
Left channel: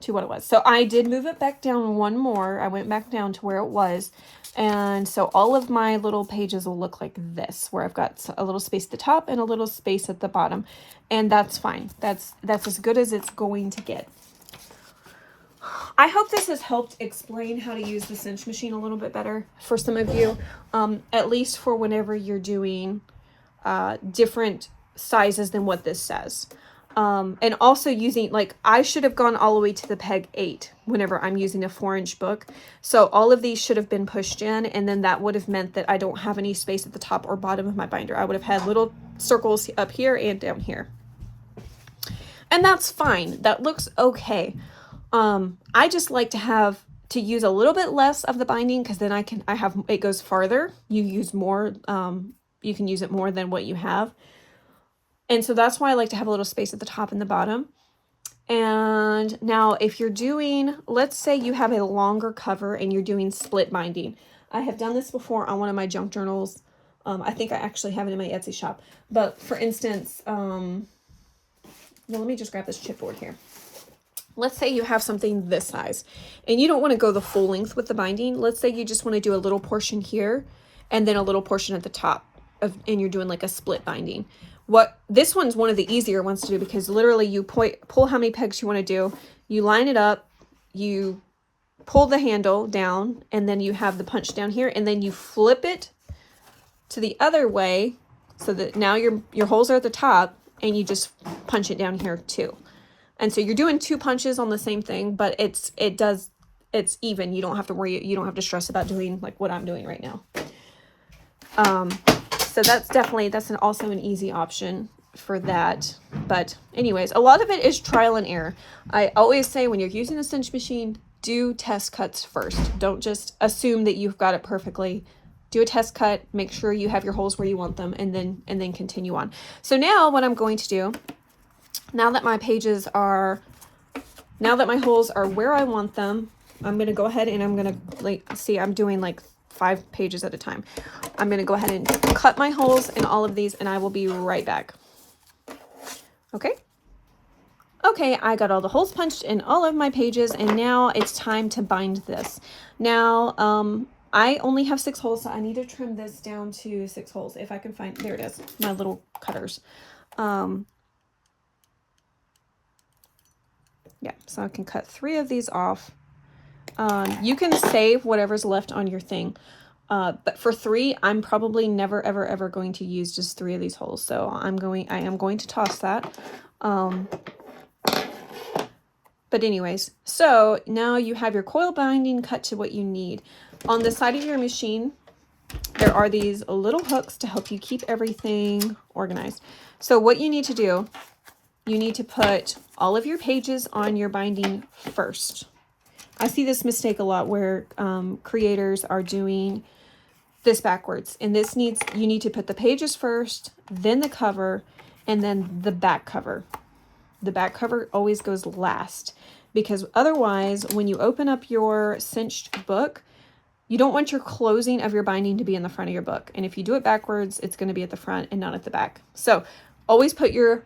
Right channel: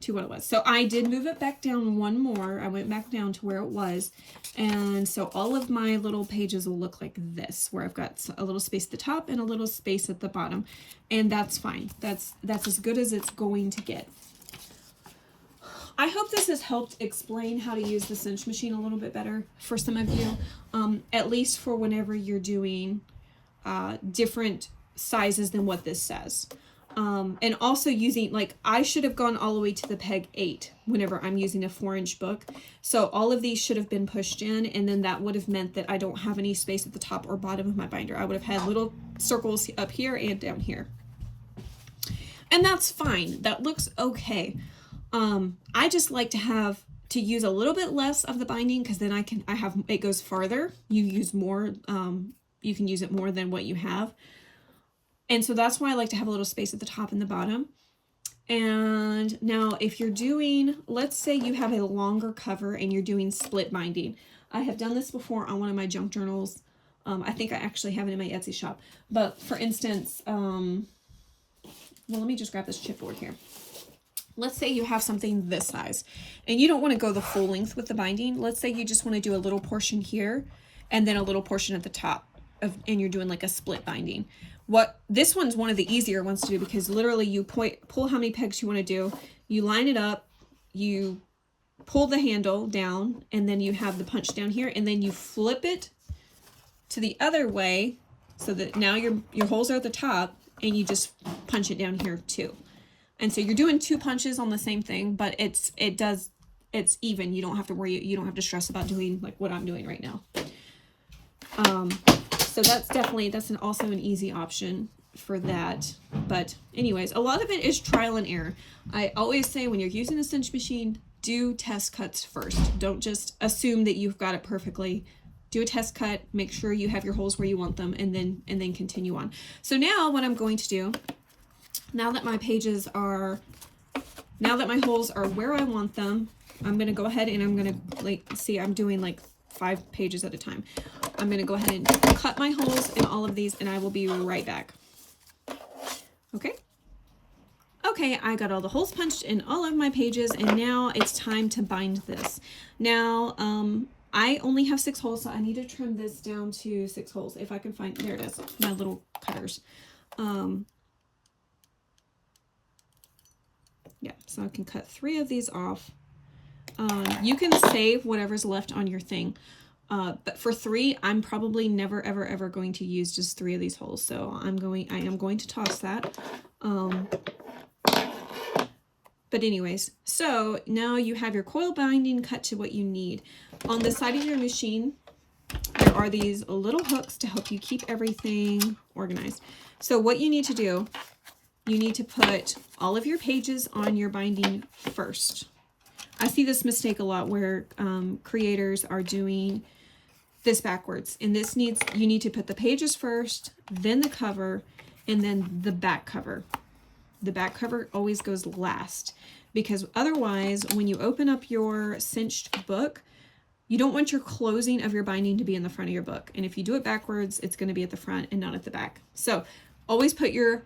to what it was. So I did move it back down one more. I went back down to where it was. And so all of my little pages will look like this, where I've got a little space at the top and a little space at the bottom. And that's fine. That's as good as it's going to get. I hope this has helped explain how to use the cinch machine a little bit better for some of you, at least for whenever you're doing different sizes than what this says. And also using, like, I should have gone all the way to the peg 8 whenever I'm using a 4-inch book. So all of these should have been pushed in, and then that would have meant that I don't have any space at the top or bottom of my binder. I would have had little circles up here and down here. And that's fine. That looks okay. I just like to use a little bit less of the binding, because then it goes farther. You use more, you can use it more than what you have. And so that's why I like to have a little space at the top and the bottom. And now if you're doing, let's say you have a longer cover and you're doing split binding. I have done this before on one of my junk journals. I think I actually have it in my Etsy shop. But for instance, well, let me just grab this chipboard here. Let's say you have something this size and you don't want to go the full length with the binding. Let's say you just want to do a little portion here and then a little portion at the top and you're doing like a split binding. This one's one of the easier ones to do, because literally you pull how many pegs you want to do, you line it up, you pull the handle down, and then you have the punch down here, and then you flip it to the other way so that now your holes are at the top, and you just punch it down here too. And so you're doing 2 punches on the same thing, but it's even. You don't have to worry, you don't have to stress about doing like what I'm doing right now. So that's also an easy option for that. But anyways, a lot of it is trial and error. I always say when you're using the cinch machine, do test cuts first. Don't just assume that you've got it perfectly. do a test cut, make sure you have your holes where you want them, and then continue on. So now what I'm going to do, now that my holes are where I want them, I'm going to go ahead and I'm going to, like, see, I'm doing like 5 pages at a time. I'm going to go ahead and cut my holes in all of these, and I will be right back. Okay. Okay, I got all the holes punched in all of my pages, and now it's time to bind this. Now, I only have 6 holes, so I need to trim this down to 6 holes. If I can find, there it is, my little cutters. Yeah, so I can cut 3 of these off. You can save whatever's left on your thing. But for 3, I'm probably never, ever, ever going to use just 3 of these holes. So I am going to toss that. But anyways, so now you have your coil binding cut to what you need. On the side of your machine, there are these little hooks to help you keep everything organized. So what you need to do, you need to put all of your pages on your binding first. I see this mistake a lot where creators are doing this backwards. And you need to put the pages first, then the cover, and then the back cover. The back cover always goes last, because otherwise when you open up your cinched book, you don't want your closing of your binding to be in the front of your book. And if you do it backwards, it's going to be at the front and not at the back. So always put your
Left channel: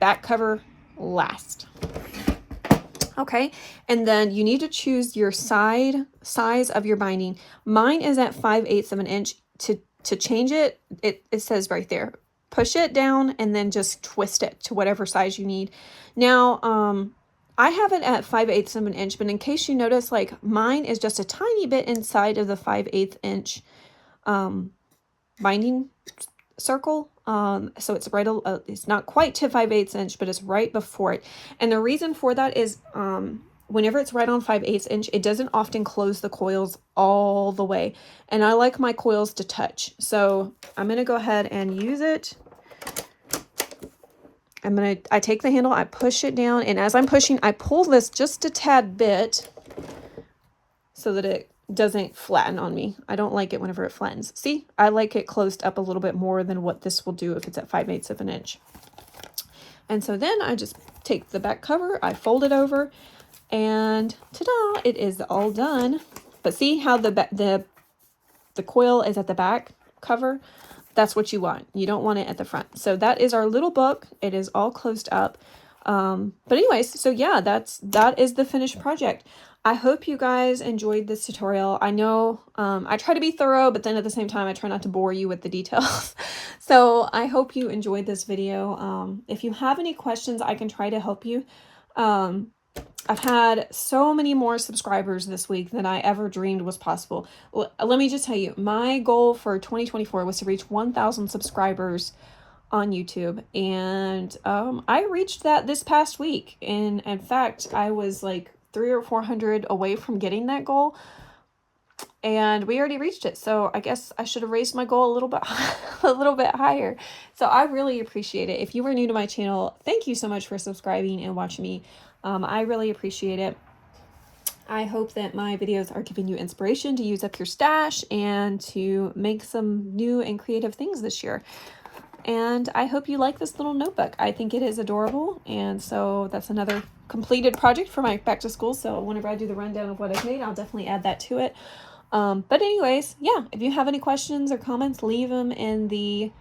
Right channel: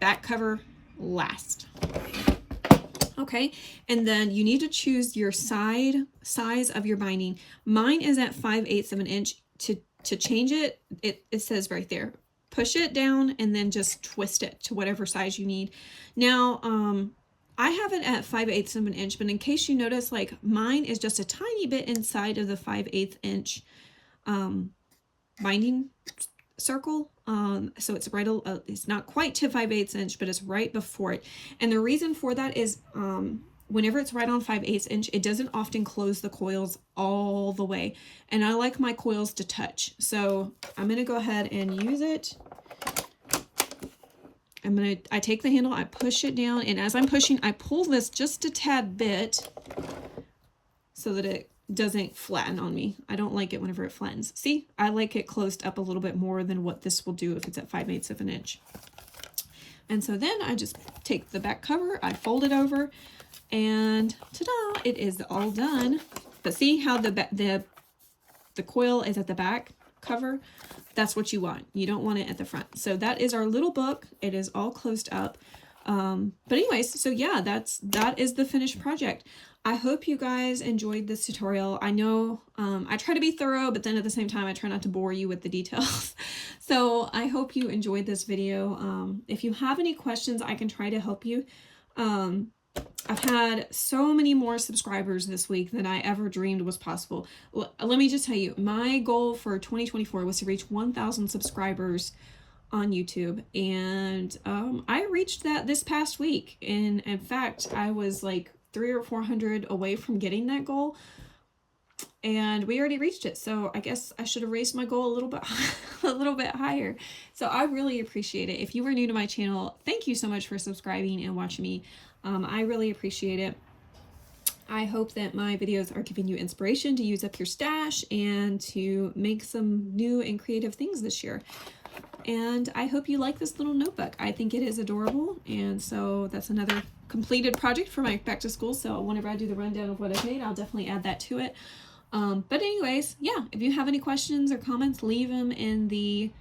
back cover last. Okay, and then you need to choose your size of your binding. Mine is at 5/8 of an inch. To change it, it says right there, push it down and then just twist it to whatever size you need. Now, I have it at 5/8 of an inch, but in case you notice, like, mine is just a tiny bit inside of the 5/8 inch binding circle. So it's right, it's not quite to 5/8 inch, but it's right before it. And the reason for that is, whenever it's right on 5/8 inch, it doesn't often close the coils all the way. And I like my coils to touch. So I'm going to go ahead and use it. I take the handle, I push it down, and as I'm pushing, I pull this just a tad bit so that it doesn't flatten on me. I don't like it whenever it flattens. See, I like it closed up a little bit more than what this will do if it's at 5/8 of an inch. And so then I just take the back cover, I fold it over, and ta-da, it is all done. But see how the coil is at the back cover? That's what you want. You don't want it at the front. So that is our little book. It is all closed up. But anyways, so yeah, that is the finished project. I hope you guys enjoyed this tutorial. I know I try to be thorough, but then at the same time, I try not to bore you with the details. So I hope you enjoyed this video. If you have any questions, I can try to help you. I've had so many more subscribers this week than I ever dreamed was possible. Let me just tell you, my goal for 2024 was to reach 1,000 subscribers on YouTube, and I reached that this past week. And in fact, I was like 300 or 400 away from getting that goal, and we already reached it. So I guess I should have raised my goal a little bit higher. So I really appreciate it. If you are new to my channel, thank you so much for subscribing and watching me. I really appreciate it. I hope that my videos are giving you inspiration to use up your stash and to make some new and creative things this year. And I hope you like this little notebook. I think it is adorable. And so that's another completed project for my back to school. So whenever I do the rundown of what I've made, I'll definitely add that to it. But anyways, yeah, if you have any questions or comments, leave them in the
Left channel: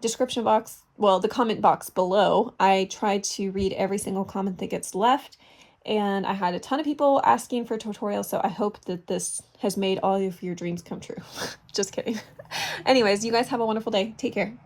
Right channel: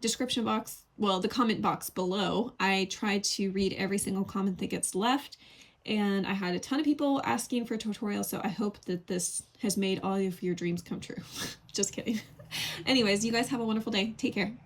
description box. Well, the comment box below. I try to read every single comment that gets left. And I had a ton of people asking for tutorials, so I hope that this has made all of your dreams come true. Just kidding. Anyways, you guys have a wonderful day. Take care.